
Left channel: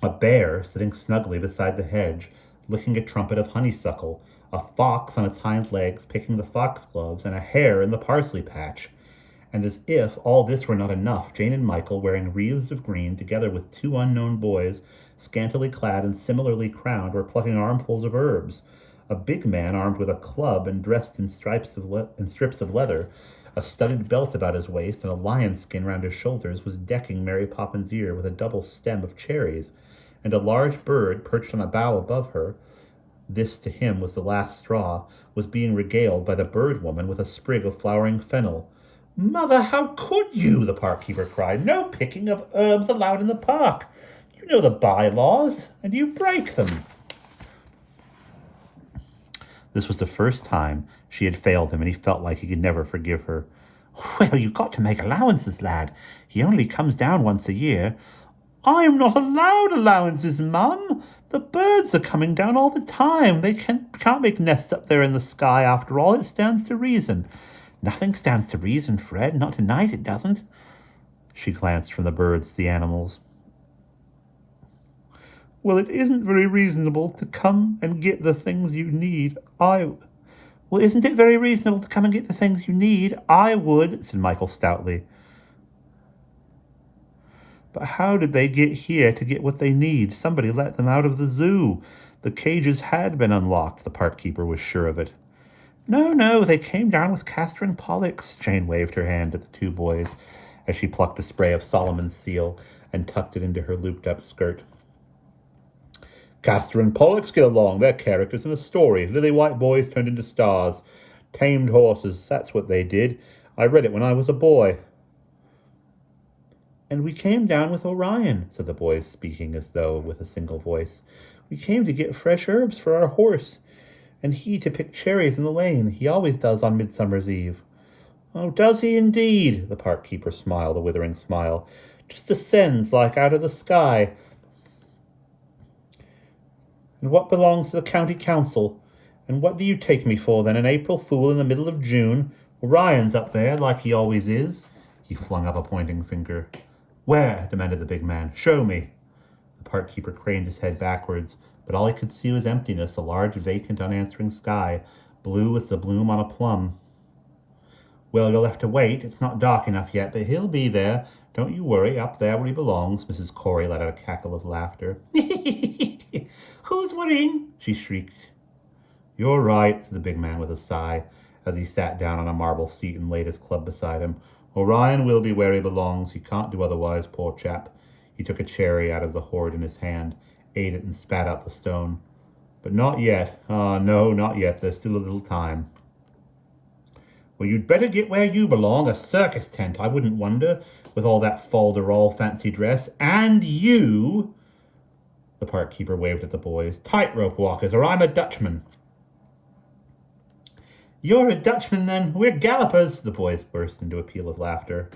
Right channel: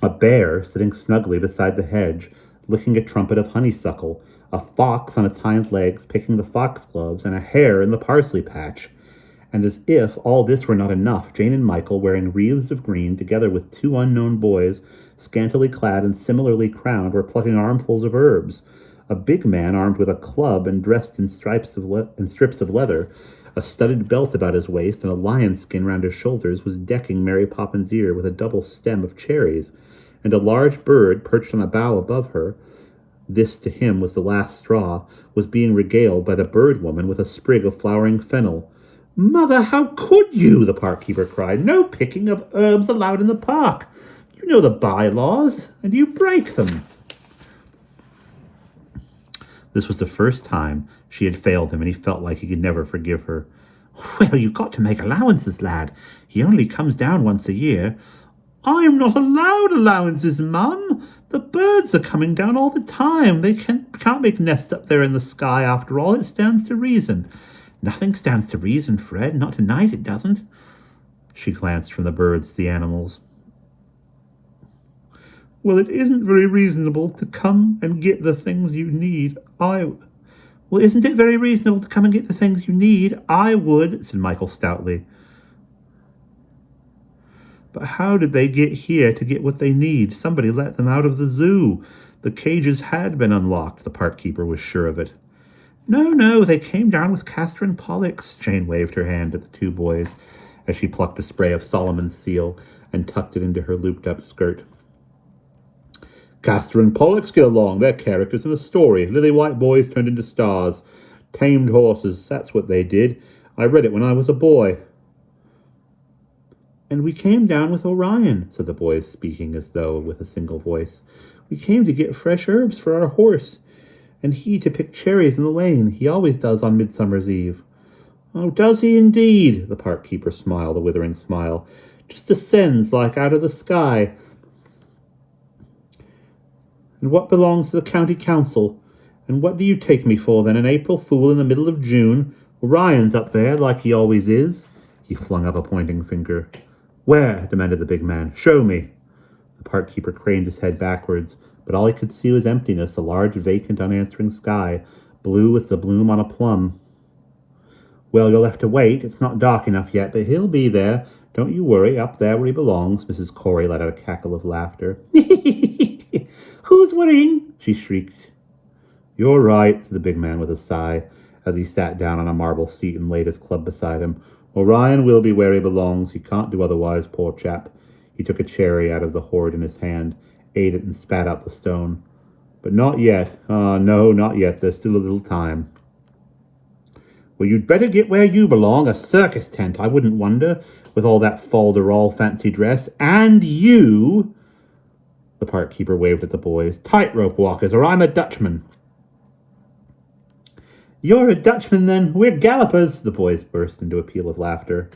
a bear sitting snugly beside the hedge, licking a trumpet of honeysuckle, a fox on its hind legs picking the foxgloves, and a hare in the parsley patch. And as if all this were not enough, Jane and Michael, wearing wreaths of green, together with 2 unknown boys, scantily clad and similarly crowned, were plucking armfuls of herbs. A big man, armed with a club and dressed in strips of leather, a studded belt about his waist, and a lion skin round his shoulders, was decking Mary Poppins' ear with a double stem of cherries. And a large bird, perched on a bough above her, this to him was the last straw, was being regaled by the bird woman with a sprig of flowering fennel. "Mother, how could you?" the park keeper cried. "No picking of herbs allowed in the park. You know the bylaws, and you break them." This was the first time she had failed him, and he felt like he could never forgive her. "Well, you've got to make allowances, lad. He only comes down once a year." "I'm not allowed allowances, Mum. The birds are coming down all the time. They can't make nests up there in the sky after all. It stands to reason." "Nothing stands to reason, Fred. Not tonight, it doesn't." She glanced from the birds to the animals. "Well, it isn't very reasonable to come and get the things you need. Well, isn't it very reasonable to come and get the things you need? I would," said Michael stoutly. "But how did they get here to get what they need? Somebody let them out of the zoo. The cages had been unlocked," the park keeper was sure of it. No, they came down with Castor and Pollux." Jane waved her hand at the 2 boys as she plucked a spray of Solomon's seal and tucked it into her looped-up skirt. "Castor and Pollux get along. They're characters in a story. Lily white boys turned into stars. Tamed horses, that's what they did. I read it when I was a boy." "And we came down with Orion," said the boys, speaking as though with a single voice. "We came to get fresh herbs for our horse, and he to pick cherries in the lane. He always does on Midsummer's Eve." "Oh, does he indeed?" The park keeper smiled a withering smile. "Just descends like out of the sky. And what belongs to the county council? And what do you take me for, then, an April fool in the middle of June? Orion's up there, like he always is." He flung up a pointing finger. "Where?" demanded the big man. "Show me." The park keeper craned his head backwards, but all he could see was emptiness, a large, vacant, unanswering sky, blue as the bloom on a plum. "Well, you'll have to wait. It's not dark enough yet, but he'll be there. Don't you worry, up there where he belongs. Mrs. Corey let out a cackle of laughter. Who's worrying? She shrieked. You're right, said the big man with a sigh, as he sat down on a marble seat and laid his club beside him. Orion will be where he belongs. He can't do otherwise, poor chap. He took a cherry out of the hoard in his hand, ate it, and spat out the stone. But not yet. Ah, no, not yet. There's still a little time. Well, you'd better get where you belong, a circus tent, I wouldn't wonder, with all that fol-de-rol fancy dress. And you, the park keeper waved at the boys, tightrope walkers, or I'm a Dutchman. You're a Dutchman, then. We're gallopers. The boys burst into a peal of laughter.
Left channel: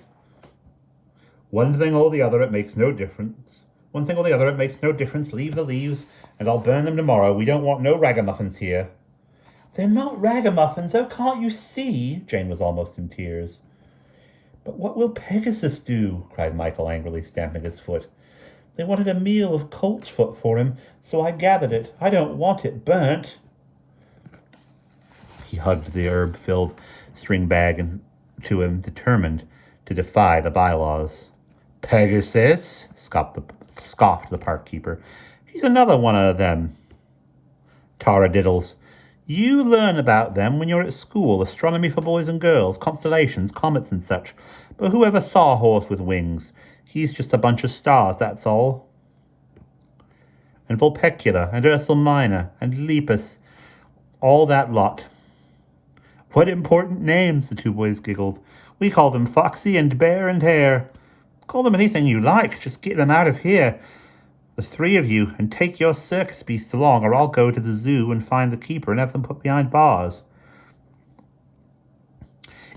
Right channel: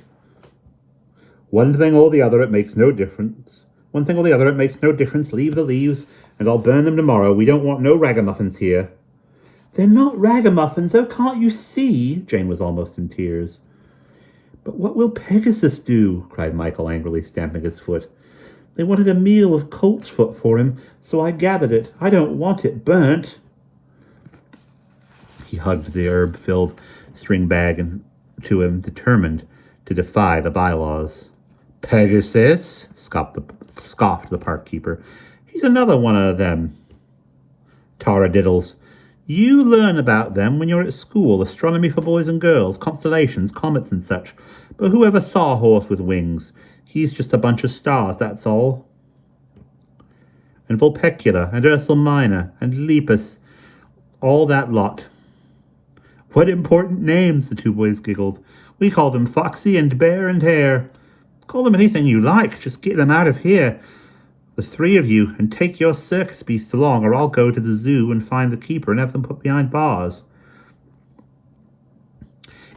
One thing or the other, it makes no difference. One thing or the other, it makes no difference. Leave the leaves, and I'll burn them tomorrow. We don't want no ragamuffins here. They're not ragamuffins. Oh, can't you see? Jane was almost in tears. But what will Pegasus do? Cried Michael angrily, stamping his foot. They wanted a meal of colt's foot for him, so I gathered it. I don't want it burnt. He hugged the herb-filled string bag to him, determined to defy the bylaws. Pegasus, scoffed the park keeper. He's another one of them taradiddles. You learn about them when you're at school, astronomy for boys and girls, constellations, comets and such. But whoever saw a horse with wings? He's just a bunch of stars, that's all. And Vulpecula, and Ursa Minor, and Lepus, all that lot. What important names, the two boys giggled. We call them Foxy and Bear and Hare. Call them anything you like, just get them out of here. The three of you, and take your circus beasts along, or I'll go to the zoo and find the keeper and have them put behind bars.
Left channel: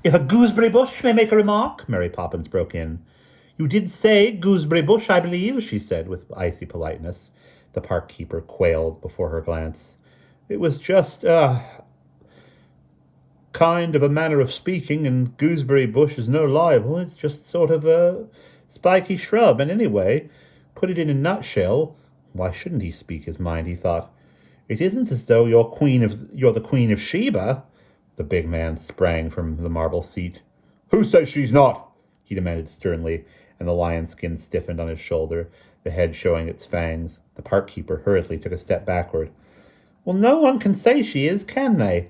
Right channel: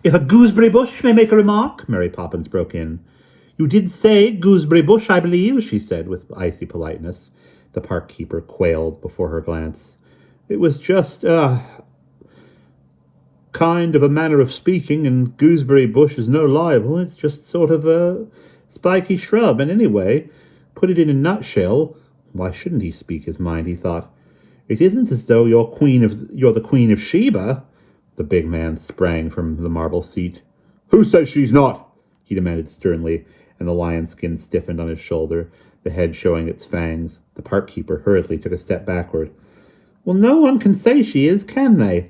If a gooseberry bush may make a remark, Mary Poppins broke in. You did say gooseberry bush, I believe, she said with icy politeness. The park keeper quailed before her glance. It was just, kind of a manner of speaking, and gooseberry bush is no libel. It's just sort of a spiky shrub, and anyway, put it in a nutshell, why shouldn't he speak his mind, he thought. It isn't as though you're the Queen of Sheba. The big man sprang from the marble seat. Who says she's not? He demanded sternly, and the lion skin stiffened on his shoulder, the head showing its fangs. The park keeper hurriedly took a step backward. Well, no one can say she is, can they?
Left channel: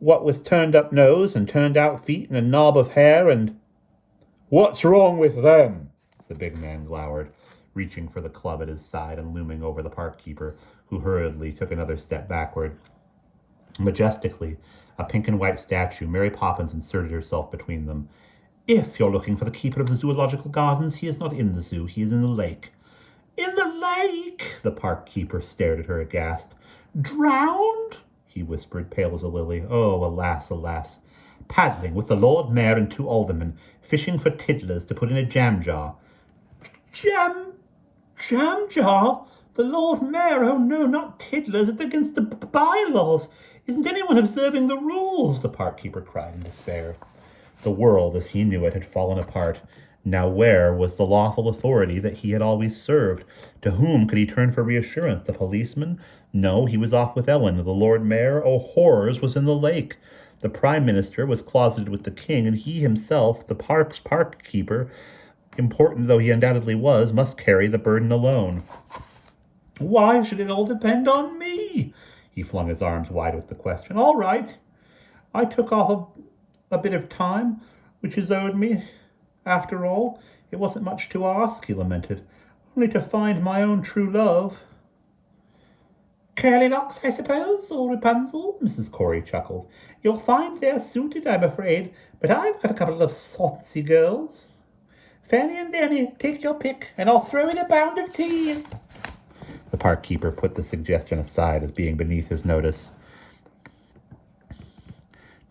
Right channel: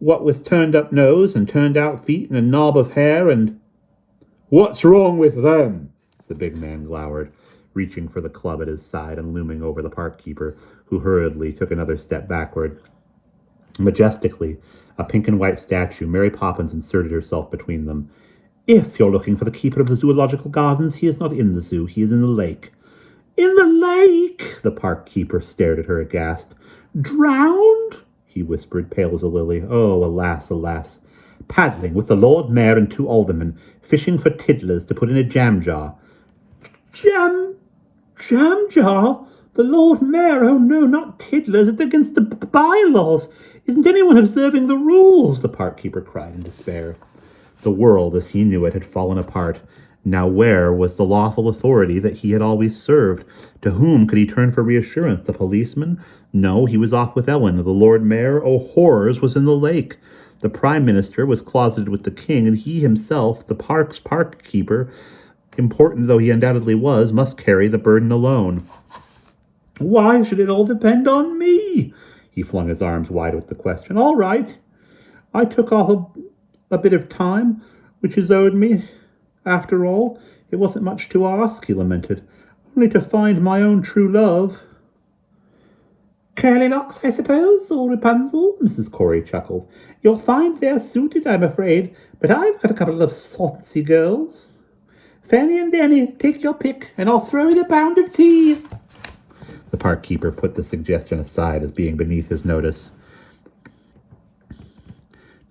What with turned-up nose and turned-out feet and a knob of hair and... What's wrong with them? The big man glowered, reaching for the club at his side and looming over the park keeper, who hurriedly took another step backward. Majestically, a pink and white statue, Mary Poppins inserted herself between them. If you're looking for the keeper of the zoological gardens, he is not in the zoo, he is in the lake. In the lake? The park keeper stared at her aghast. Drowned? He whispered, pale as a lily. Oh, alas, alas. Paddling with the Lord Mayor and 2 aldermen, fishing for tiddlers to put in a jam jar. Jam jar? The Lord Mayor? Oh, no, not tiddlers. It's against the bylaws. Isn't anyone observing the rules? The park keeper cried in despair. The world, as he knew it, had fallen apart. Now where was the lawful authority that he had always served? To whom could he turn for reassurance? The policeman? No, he was off with Ellen. The Lord Mayor, oh horrors, was in the lake. The Prime Minister was closeted with the King, and he himself, the park keeper, important though he undoubtedly was, must carry the burden alone. Why should it all depend on me? He flung his arms wide with the question. All right. I took off a bit of time, which is owed me. After all, it wasn't much to ask, he lamented. Only to find my own true love. Curly locks, I suppose, or Rapunzel? Mrs. Corey chuckled. You'll find they're suited, I'm afraid, but I've got a couple of saucy girls. Fanny and Danny, take your pick, and I'll throw in a pound of tea. The park keeper put the suggestion aside as being beneath his notice.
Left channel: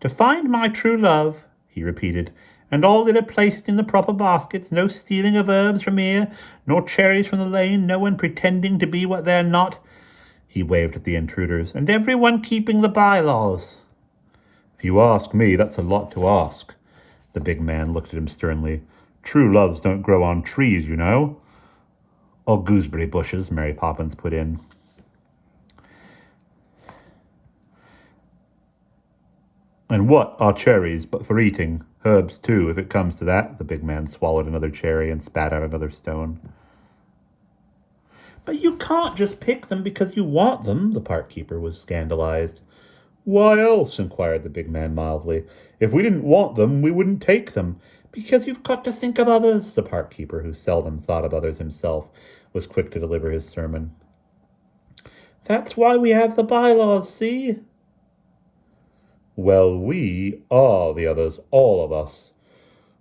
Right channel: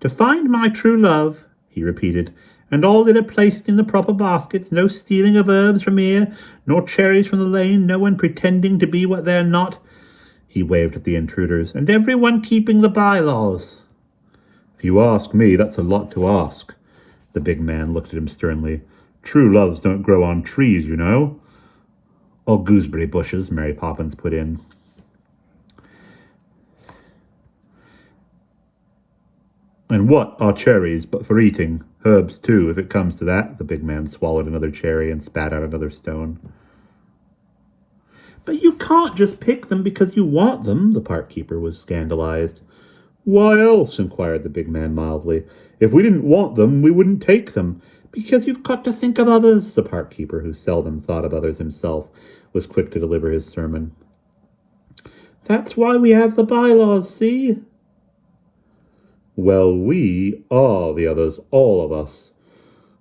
To find my true love, he repeated, and all in it placed in the proper baskets, no stealing of herbs from here, nor cherries from the lane, no one pretending to be what they're not. He waved at the intruders, and everyone keeping the bylaws. If you ask me, that's a lot to ask. The big man looked at him sternly. True loves don't grow on trees, you know. Or gooseberry bushes, Mary Poppins put in. And what are cherries but for eating? Herbs, too, if it comes to that. The big man swallowed another cherry and spat out another stone. But you can't just pick them because you want them, the park keeper was scandalized. Why else? Inquired the big man mildly. If we didn't want them, we wouldn't take them. Because you've got to think of others, the park keeper, who seldom thought of others himself, was quick to deliver his sermon. That's why we have the bylaws, see? Well, we are the others, all of us.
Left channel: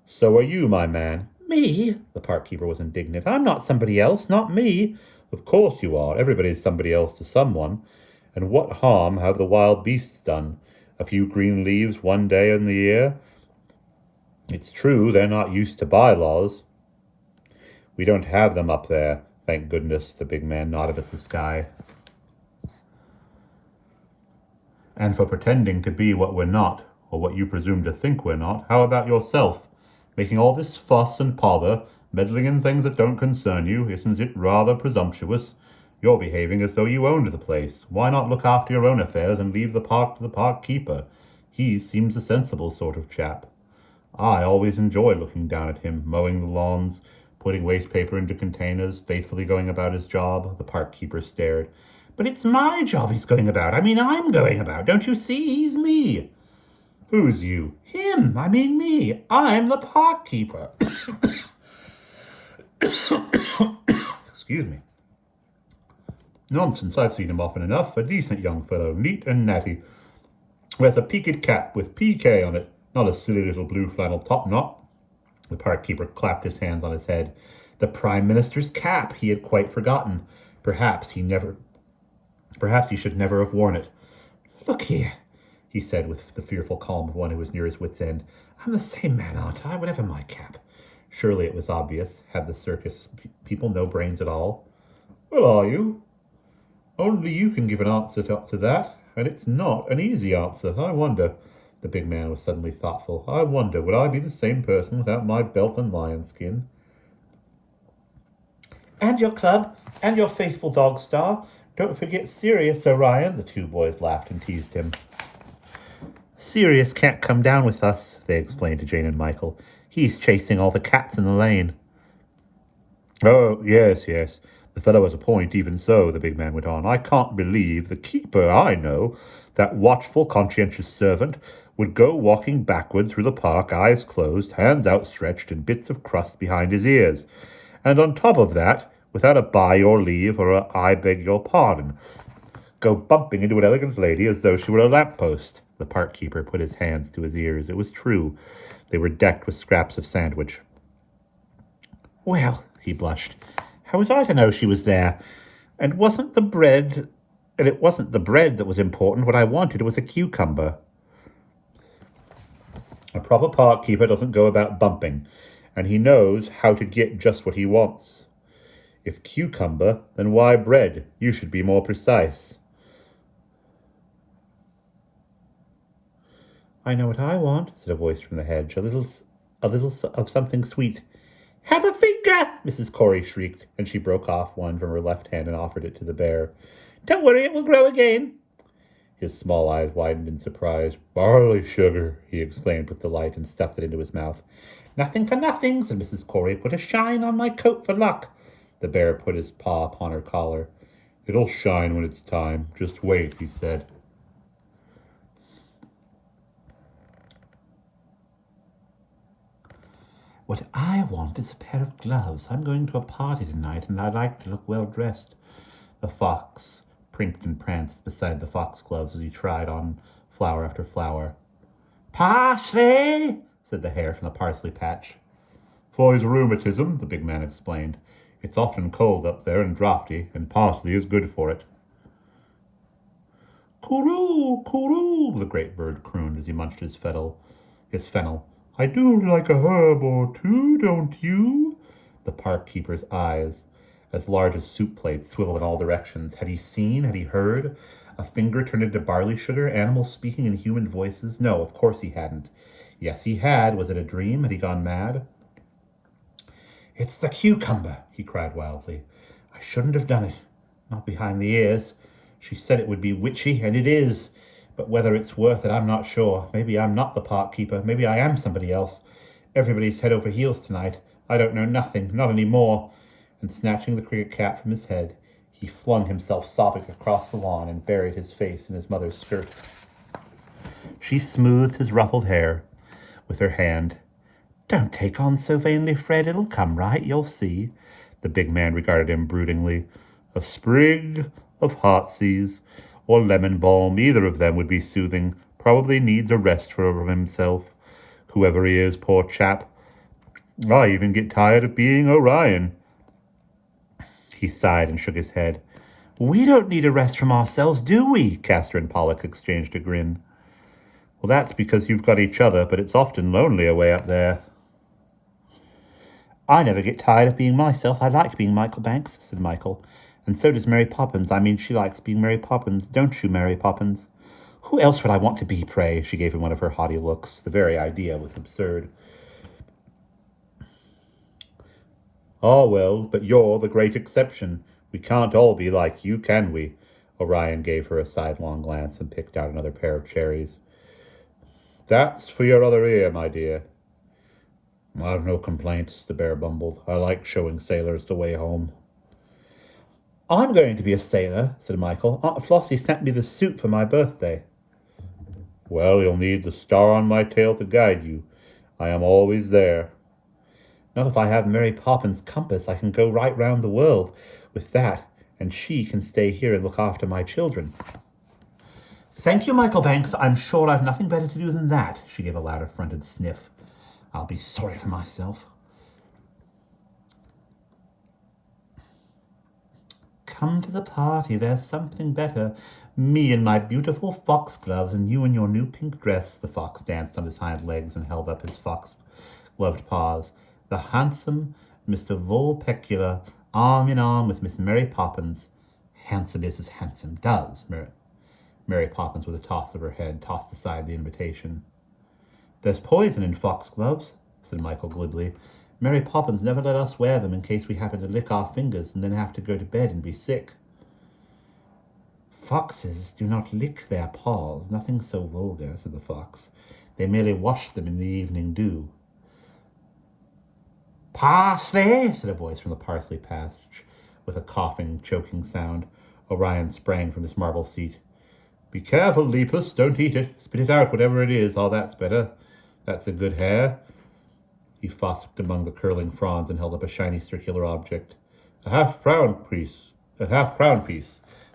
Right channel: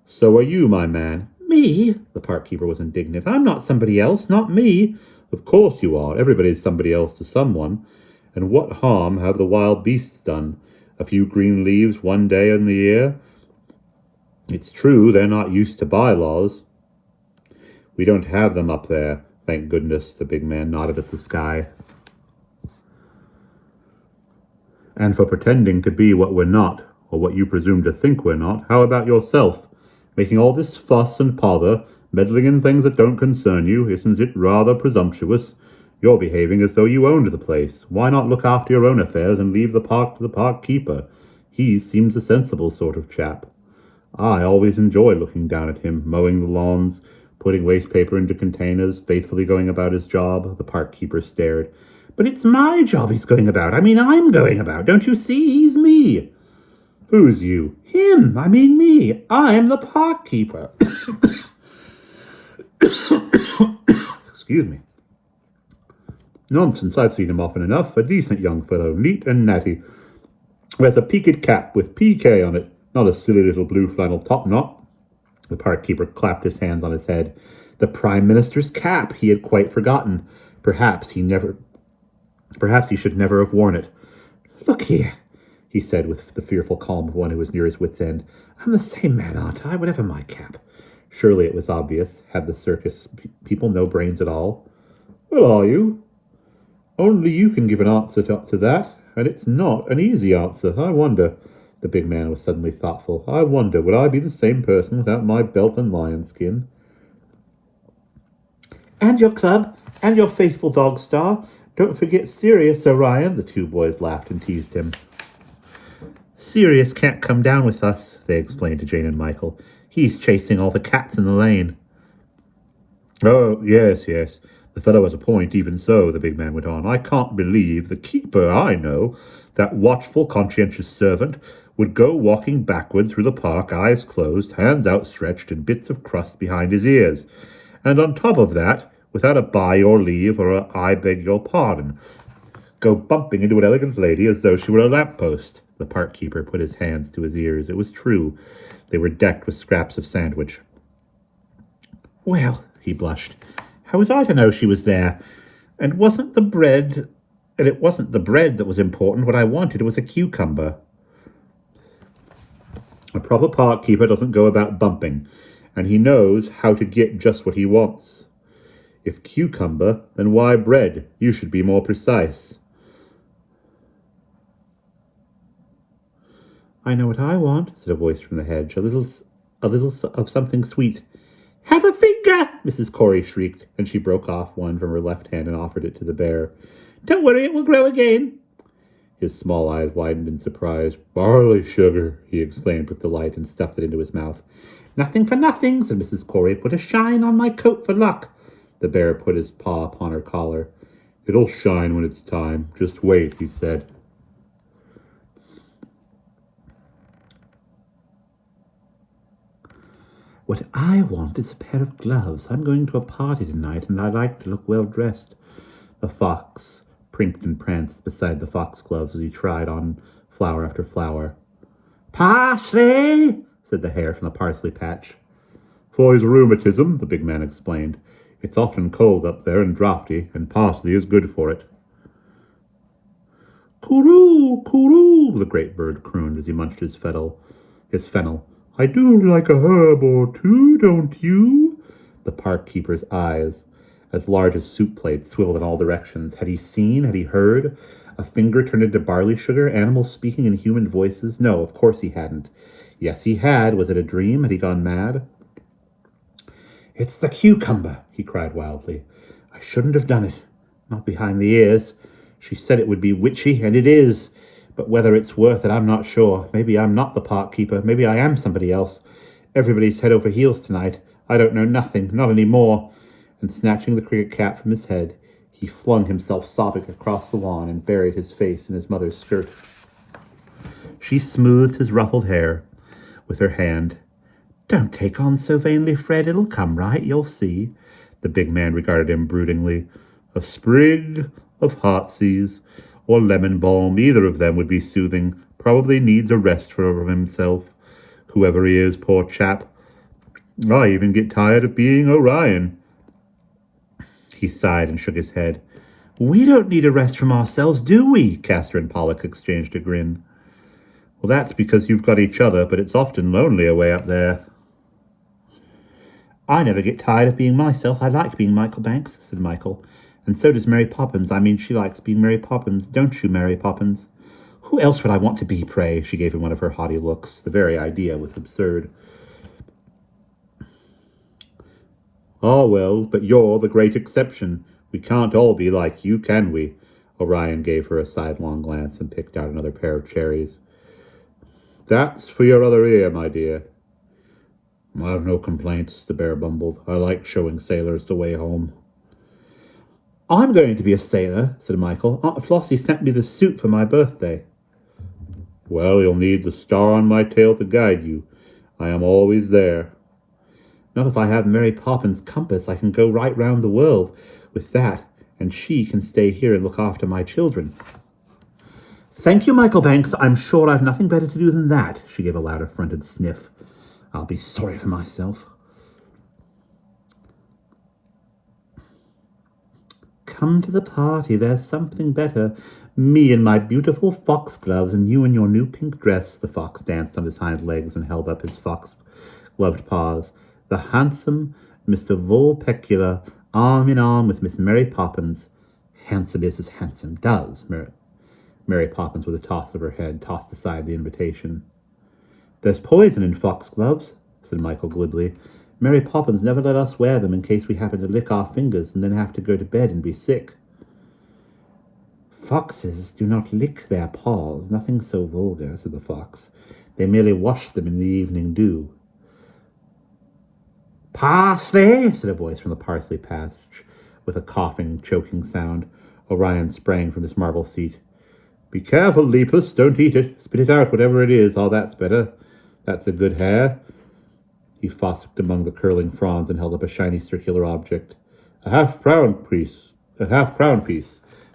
So are you, my man. Me? The park keeper was indignant. I'm not somebody else, not me. Of course you are. Everybody's somebody else to someone. And what harm have the wild beasts done? A few green leaves one day in the year? It's true they're not used to bylaws. We don't have them up there, thank goodness, the big man nodded at the sky. And for pretending to be what we're not, or what you presume to think we're not, how about yourself? Making all this fuss and pother, meddling in things that don't concern you, isn't it rather presumptuous? You're behaving as though you owned the place. Why not look after your own affairs and leave the park to the park keeper? He seems a sensible sort of chap. I always enjoy looking down at him, mowing the lawns, putting waste paper into containers, faithfully going about his job. The park keeper stared. But it's my job he's going about. I mean, I'm going about. Don't you see? He's me. Who's you? Him. I mean me. I'm the park keeper. Excuse me. Nonsense, I've seen him often enough. A decent young fellow, neat and natty. Wears a peaked cap with PK on it, not a silly little blue flannel topknot. The park keeper clapped his hands on his head. The Prime Minister's cap, he had quite forgotten. Perhaps he should never have worn it. Look here, he said with the fearful calm of one who was near his wit's end. I'm the same man, aren't I, whatever my cap? Surely it was obvious. Had the circus people no brains at all? Well, are you? Only you can give an answer to that, and it's not an easy answer. I wonder. The big man was suddenly thoughtful. I wonder, would I be the same person without my belt and lion skin? And your club, and your faithful dog star. Don't forget Sirius, Orion. The two boys laughed and teased him. Sirius can't come down with us, they explained to Jane and Michael. He's chasing all the cats in the lane. Oh, yes. The fellow has a point, even so, the big man went on. I can't believe the keeper I know, that watchful, conscientious servant, would go walking backward through the park, eyes closed, hands outstretched, and bits of crust behind his ears. And on top of that, without a by your leave or a I beg your pardon, go bumping into an elegant lady as though she were a lamppost. The park keeper put his hands to his ears. It was true. They were decked with scraps of sandwich. Well, he blushed, how was I to know she was there? And it wasn't the bread that was important. What I wanted was a cucumber. A proper park keeper doesn't go about bumping, and he knows how to get just what he wants. If cucumber, then why bread? You should be more precise. I know what I want, said a voice from the hedge. A little of something sweet. Have a finger, Mrs. Corey shrieked, and she broke off one from her left hand and offered it to the bear. Don't worry, it will grow again. His small eyes widened in surprise. Barley sugar, he exclaimed with delight and stuffed it into his mouth. Nothing for nothing, said Mrs. Corey. Put a shine on my coat for luck. The bear put his paw upon her collar. It'll shine when it's time. Just wait, he said. What I want is a pair of gloves. I'm going to a party tonight, and I like to look well dressed. The fox prinked and pranced beside the foxgloves as he tried on flower after flower. Parsley, said the hare from the parsley patch. For his rheumatism, the big man explained. It's often cold up there and draughty, and parsley is good for it. Coo-roo, coo-roo, the great bird crooned as he munched his fennel. I do like a herb or two, don't you? The park keeper's eyes, as large as soup plates, swiveled in all directions. Had he seen? Had he heard? A finger turned into barley sugar? Animals speaking in human voices? No, of course he hadn't. Yes, he had. Was it a dream? Had he gone mad? It's the cucumber, he cried wildly. I shouldn't have done it. Not behind the ears. She said it would be witchy, and it is. But whether it's worth it, I'm not sure. Maybe I'm not the park keeper. Maybe I am somebody else. Everybody's head over heels tonight. I don't know nothing, not any more. And snatching the cricket cap from his head, he flung himself sobbing across the lawn and buried his face in his mother's skirt. She smoothed his ruffled hair with her hand. Don't take on so vainly, Fred. It'll come right, you'll see. The big man regarded him broodingly. A sprig of heartsease or lemon balm, either of them would be soothing. Probably needs a rest from himself, whoever he is, poor chap. I even get tired of being Orion. He sighed and shook his head. We don't need a rest from ourselves, do we? Castor and Pollock exchanged a grin. Well, that's because you've got each other, but it's often lonely away up there. I never get tired of being myself. I like being Michael Banks, said Michael. And so does Mary Poppins. I mean, she likes being Mary Poppins, don't you, Mary Poppins? Who else would I want to be, pray? She gave him one of her haughty looks. The very idea was absurd. Ah, well, but you're the great exception. We can't all be like you, can we? Orion gave her a sidelong glance and picked out another pair of cherries. That's for your other ear, my dear. I've no complaints, the bear bumbled. I like showing sailors the way home. I'm going to be a sailor, said Michael. Aunt Flossie sent me the suit for my birthday. Well, you'll need the star on my tail to guide you. I am always there. Not if I have Mary Poppins' compass. I can go right round the world with that, and she can stay here and look after my children. Thank you, Michael Banks. I'm sure I've nothing better to do than that. She gave a loud affronted sniff. I'll be sorry for myself. Come to the party. There's something better. Me in my beautiful foxgloves and you in your new pink dress. The fox danced on his hind legs and held up his fox-gloved paws. The handsome Mr. Vulpecula, arm in arm with Miss Mary Poppins. Handsome is as handsome does. Mary Poppins, with a toss of her head, tossed aside the invitation. There's poison in foxgloves, said Michael glibly. Mary Poppins never let us wear them in case we happen to lick our fingers and then have to go to bed and be sick. Foxes do not lick their paws, nothing so vulgar, said the fox. They merely wash them in the evening dew. Parsley, said a voice from the parsley patch, with a coughing, choking sound. Orion sprang from his marble seat. Be careful, Lepus, don't eat it. Spit it out, whatever it is. Oh, that's better. That's a good hair. He fosked among the curling fronds and held up a shiny circular object. A half-crown piece.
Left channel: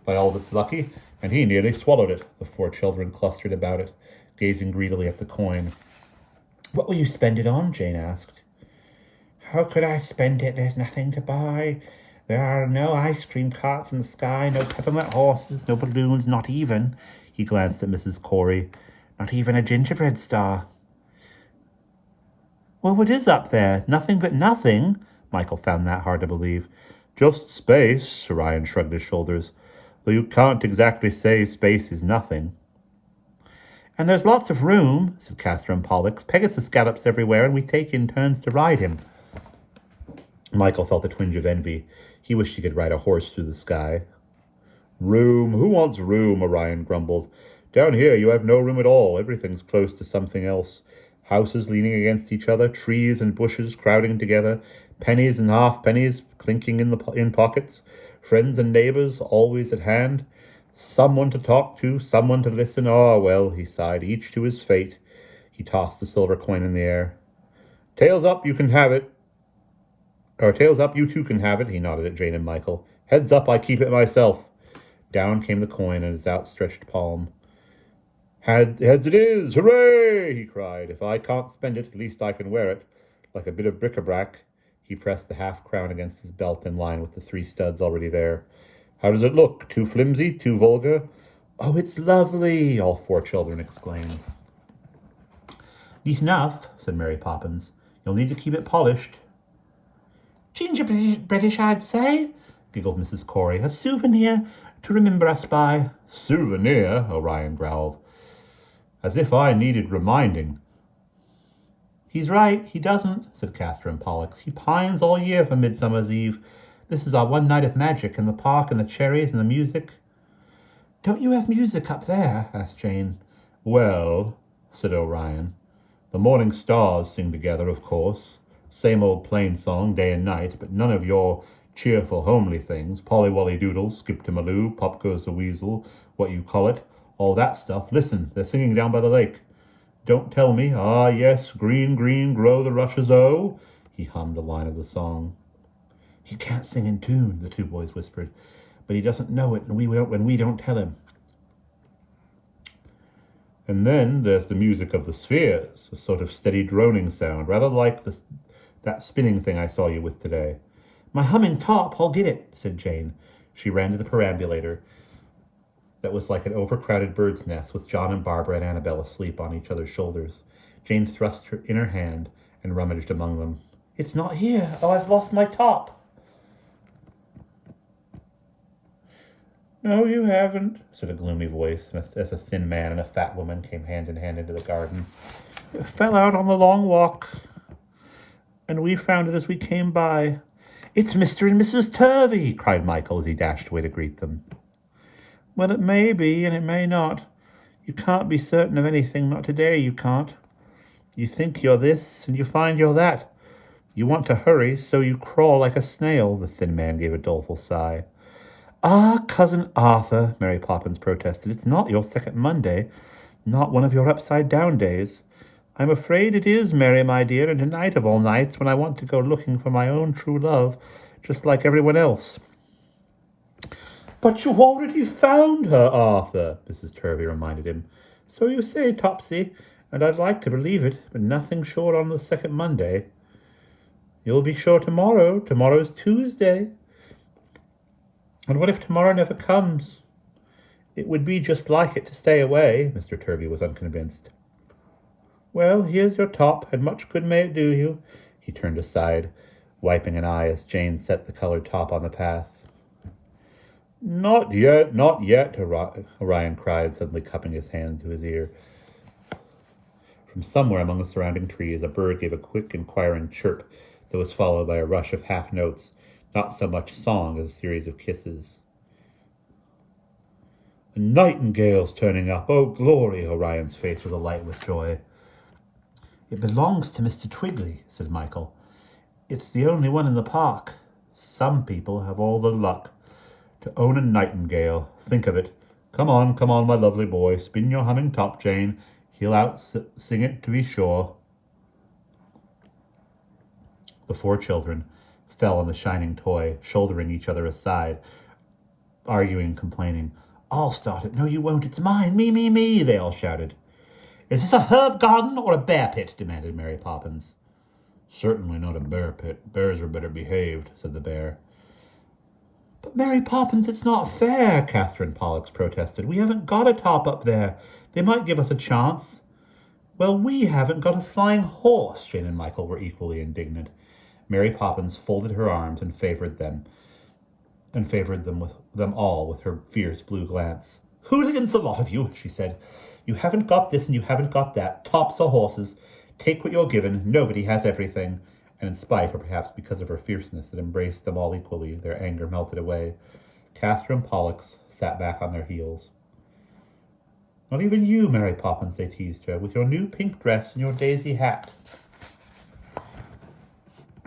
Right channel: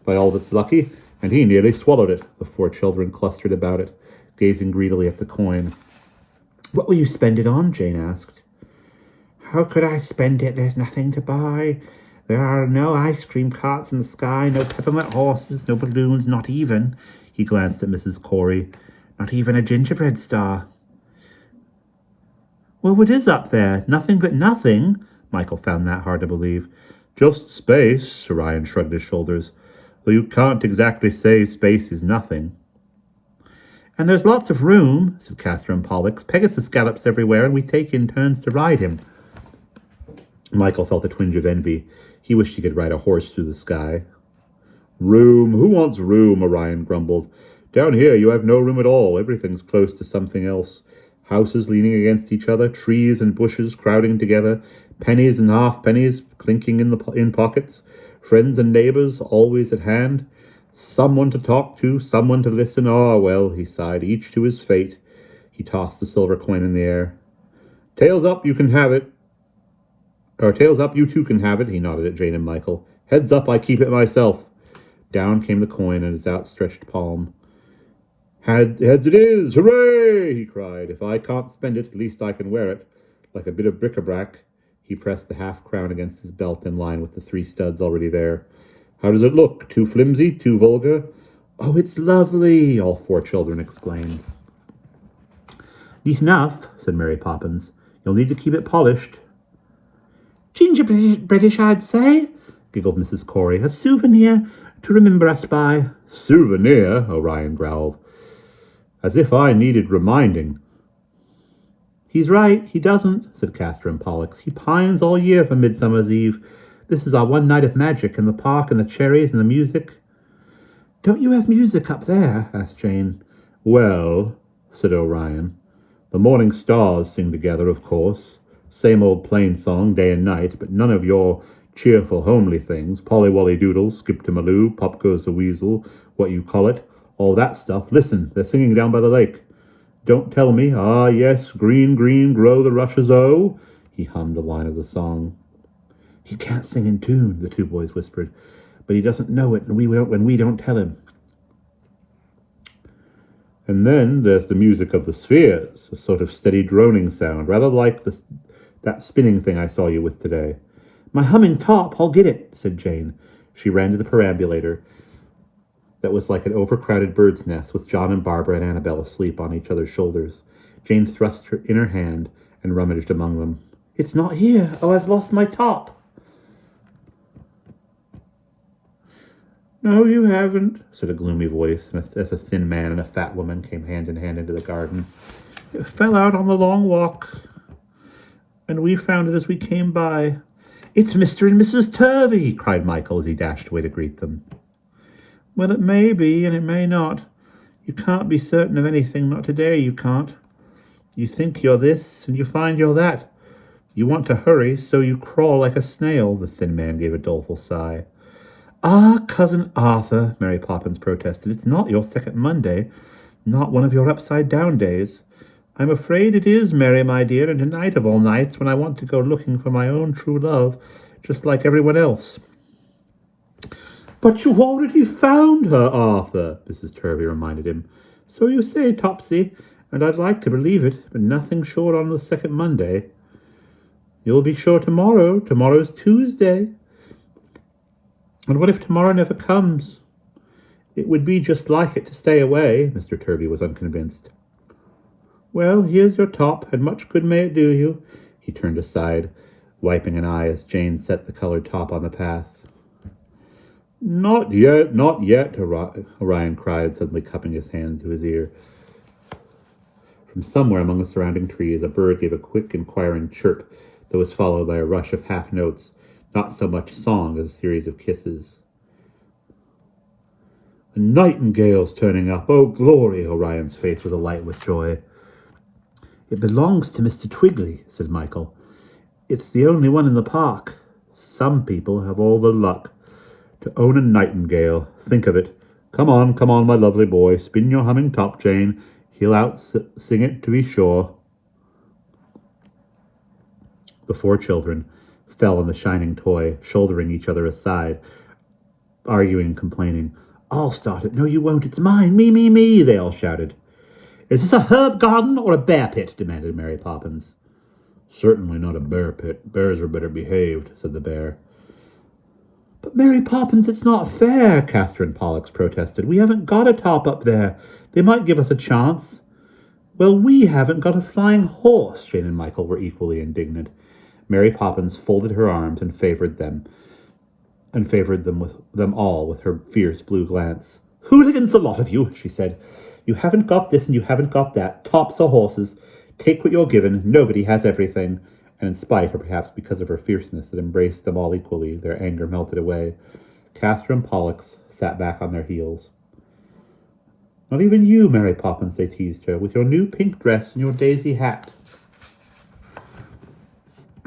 By all that's lucky, and he nearly swallowed it. The four children clustered about it, gazing greedily at the coin. What will you spend it on? Jane asked. How could I spend it? There's nothing to buy. There are no ice cream carts in the sky, no peppermint horses, no balloons, not even, he glanced at Mrs. Corey, not even a gingerbread star. Well, what is up there? Nothing but nothing? Michael found that hard to believe. Just space, Orion shrugged his shoulders, though you can't exactly say space is nothing. And there's lots of room, said Castor and Pollux. Pegasus gallops everywhere, and we take in turns to ride him. Michael felt a twinge of envy. He wished he could ride a horse through the sky. Room? Who wants room? Orion grumbled. Down here you have no room at all. Everything's close to something else. Houses leaning against each other, trees and bushes crowding together, pennies and half-pennies clinking in pockets, friends and neighbors always at hand, someone to talk to, someone to listen. Ah, well, he sighed, each to his fate. He tossed the silver coin in the air. Tails up, you can have it. Or tails up, you too can have it, he nodded at Jane and Michael. Heads up, I keep it myself. Down came the coin in his outstretched palm. Heads it is! Hooray! He cried. If I can't spend it, at least I can wear it. Like a bit of bric-a-brac. He pressed the half-crown against his belt in line with the 3 studs already there. How does it look? Too flimsy? Too vulgar? Oh, it's lovely! All 4 children exclaimed. Neat enough, said Mary Poppins. You'll need to keep it polished. Gingerbreadish, I'd say, giggled Mrs. Corey. A souvenir to remember us by. Souvenir? Orion growled. As if I needed reminding. He's right, he doesn't, said Castor and Pollux. He pines all year for Midsummer's Eve. This is our one night of magic, and the park and the cherries and the music. Don't you have music up there? Asked Jane. Well, said Orion, the morning stars sing together, of course. Same old plain song, day and night, but none of your cheerful, homely things. Polly Wolly Doodles, Skip to Maloo, Pop Goes the Weasel, what you call it, all that stuff. Listen, they're singing down by the lake. Don't tell me, ah, yes, green, green, grow the rushes, oh. He hummed a line of the song. He can't sing in tune, the two boys whispered, but he doesn't know it, and when we don't tell him. And then there's the music of the spheres, a sort of steady droning sound, rather like that spinning thing I saw you with today. My humming top, I'll get it, said Jane. She ran to the perambulator that was like an overcrowded bird's nest, with John and Barbara and Annabelle asleep on each other's shoulders. Jane thrust her in her hand and rummaged among them. It's not here. Oh, I've lost my top. No, you haven't, said a gloomy voice, as a thin man and a fat woman came hand in hand into the garden. It fell out on the long walk, and we found it as we came by. It's Mr. and Mrs. Turvey, cried Michael as he dashed away to greet them. Well, it may be, and it may not. You can't be certain of anything, not today, you can't. You think you're this, and you find you're that. You want to hurry, so you crawl like a snail, the thin man gave a doleful sigh. Ah, Cousin Arthur, Mary Poppins protested, it's not your second Monday, not one of your upside-down days. I'm afraid it is, Mary, my dear, and tonight of all nights when I want to go looking for my own true love, just like everyone else. But you've already found her, Arthur, Mrs. Turvey reminded him. So you say, Topsy, and I'd like to believe it, but nothing sure on the second Monday. You'll be sure tomorrow. Tomorrow's Tuesday. And what if tomorrow never comes? It would be just like it to stay away, Mr. Turvey was unconvinced. Well, here's your top, and much good may it do you. He turned aside, wiping an eye as Jane set the colored top on the path. Not yet, Orion cried, suddenly cupping his hand to his ear. From somewhere among the surrounding trees, a bird gave a quick, inquiring chirp that was followed by a rush of half notes, not so much song as a series of kisses. A nightingale's turning up. Oh, glory! Orion's face was alight with joy. It belongs to Mr. Twiggly, said Michael. It's the only one in the park. Some people have all the luck to own a nightingale. Think of it. Come on, my lovely boy. Spin your humming top, Jane. He'll out-sing it, to be sure. The four children fell on the shining toy, shouldering each other aside, arguing, complaining. I'll start it. No, you won't. It's mine. Me, they all shouted. Is this a herb garden or a bear pit? Demanded Mary Poppins. Certainly not a bear pit. Bears are better behaved, said the bear. But Mary Poppins, it's not fair, Catherine Pollux protested. We haven't got a top up there. They might give us a chance. Well, we haven't got a flying horse, Jane and Michael were equally indignant. Mary Poppins folded her arms and favored them all with her fierce blue glance. Hooligans, the lot of you, she said. You haven't got this and you haven't got that. Tops or horses. Take what you're given. Nobody has everything. And in spite, or perhaps because of her fierceness that embraced them all equally, their anger melted away. Catherine Pollux sat back on their heels. Not even you, Mary Poppins, they teased her, with your new pink dress and your daisy hat.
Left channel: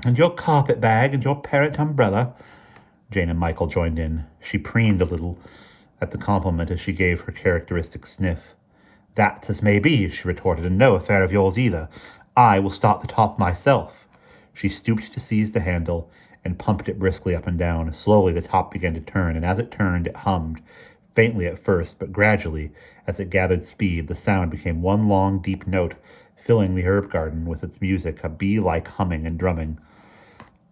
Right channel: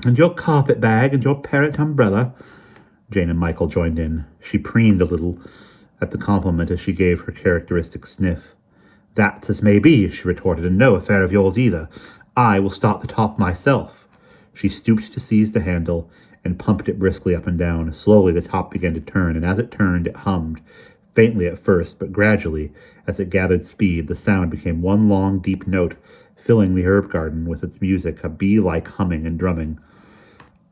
And your carpet bag and your parrot umbrella. Jane and Michael joined in. She preened a little at the compliment as she gave her characteristic sniff. That's as may be, she retorted, and no affair of yours either. I will start the top myself. She stooped to seize the handle and pumped it briskly up and down. Slowly the top began to turn, and as it turned, it hummed, faintly at first, but gradually, as it gathered speed, the sound became one long, deep note, filling the herb garden with its music, a bee-like humming and drumming.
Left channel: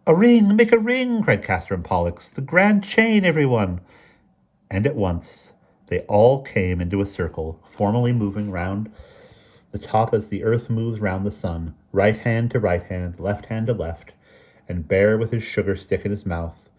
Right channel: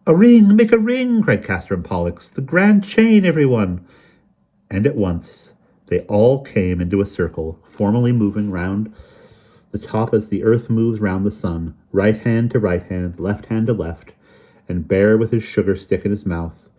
A ring, make a ring, cried Catherine Pollux. The grand chain, everyone. And at once they all came into a circle, formally moving round the top as the earth moves round the sun, right hand to right hand, left hand to left, and Bear with his sugar stick in his mouth,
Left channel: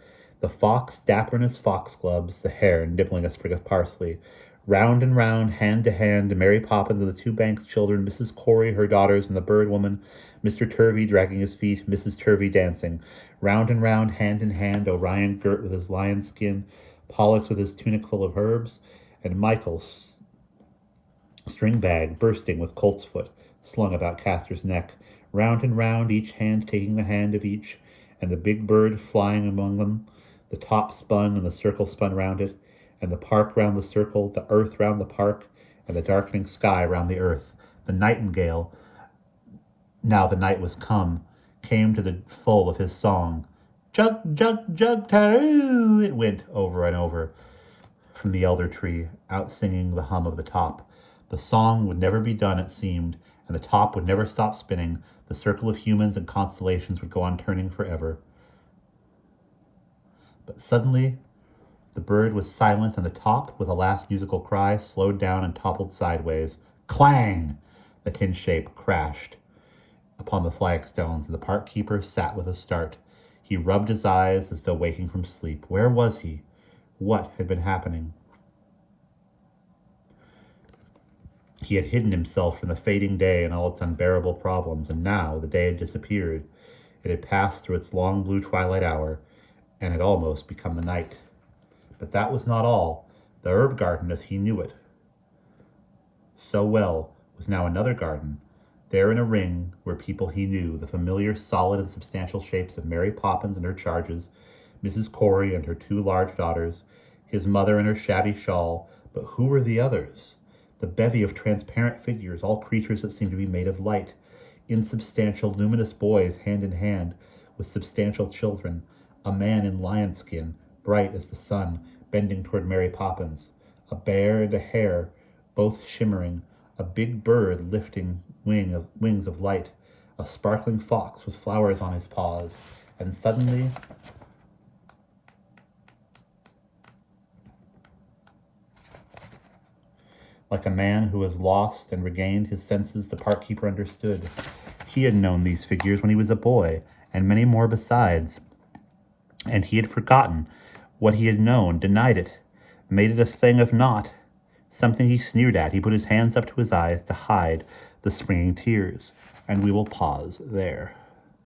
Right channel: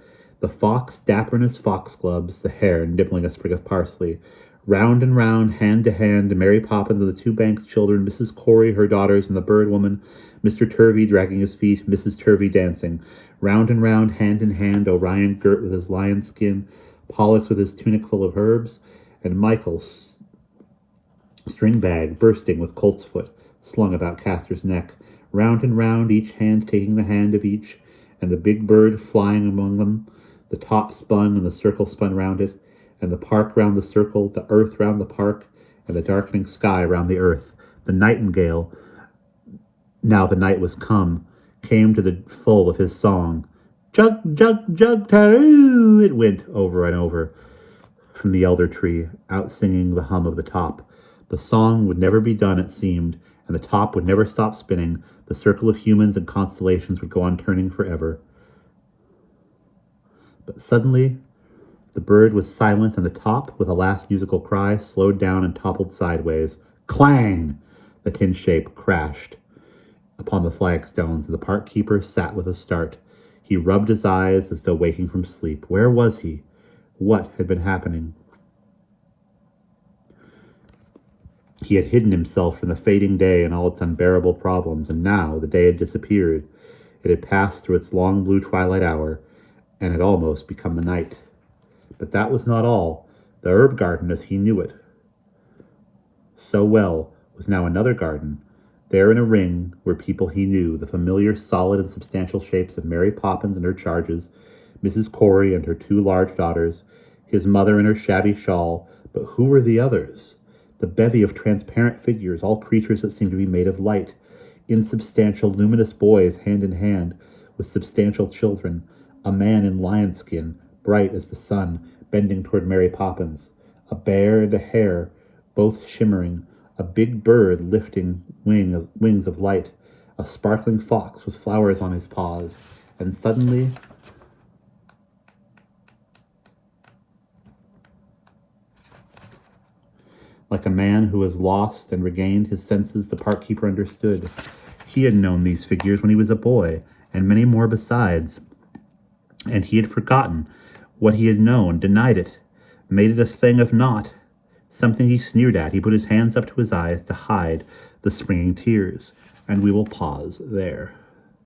the fox dapper in his foxgloves, the hare nibbling a sprig of parsley. Round and round, hand to hand, Mary Poppins and the two Banks children, Mrs. Corey, her daughters, and the bird woman, Mr. Turvey dragging his feet, Mrs. Turvey dancing. Round and round, hand in hand, Orion girt with his lion skin, Pollux with his tunic full of herbs, and Michael's string bag bursting with colt's foot slung about Castor's neck, round and round, each hand taking the hand of each, and the big bird flying among them. The top spun, and the circle spun round it, and the park round the circle, the earth round the park, and the darkening sky round the earth. The nightingale, now the night was come, came to the full of his song. Jug, jug, jug, taroo, it went over and over from the elder tree, out-singing the hum of the top. The song would never be done, it seemed, and the top would never stop spinning. The circle of humans and constellations would go on turning forever. But suddenly, the bird was silent, and the top, with a last musical cry, slowed down and toppled sideways. Clang! The tin shape crashed upon the flagstones, and the park keeper sat with a start. He rubbed his eyes as though waking from sleep. Where was he? What had been happening? He had hidden himself from the fading day and all its unbearable problems, and now the day had disappeared. It had passed through its long blue twilight hour, and had almost become the night. But that was not all. The herb garden, as he knew it so well, was now another garden. There in a ring were people he knew, the familiar, solid, and substantial shapes of Mary Poppins and her charges, Mrs. Corey and her 2 large daughters, his mother in her shabby shawl. But who were the others? The bevy of transparent figures, all creatures that seemed to be made of light, insubstantial, luminous boys hand in hand with substantial children, a man in lion skin, bright as the sun, bending toward Mary Poppins, a bear and a hare, both shimmering, a big bird lifting wings of light, a sparkling fox with flowers on his paws, and suddenly like a man who has lost and regained his senses, the park keeper understood. He had known these figures when he was a boy, and many more besides, and he had forgotten what he had known, denied it, made it a thing of naught, something he sneered at. He put his hands up to his eyes to hide the springing tears, and we will pause there.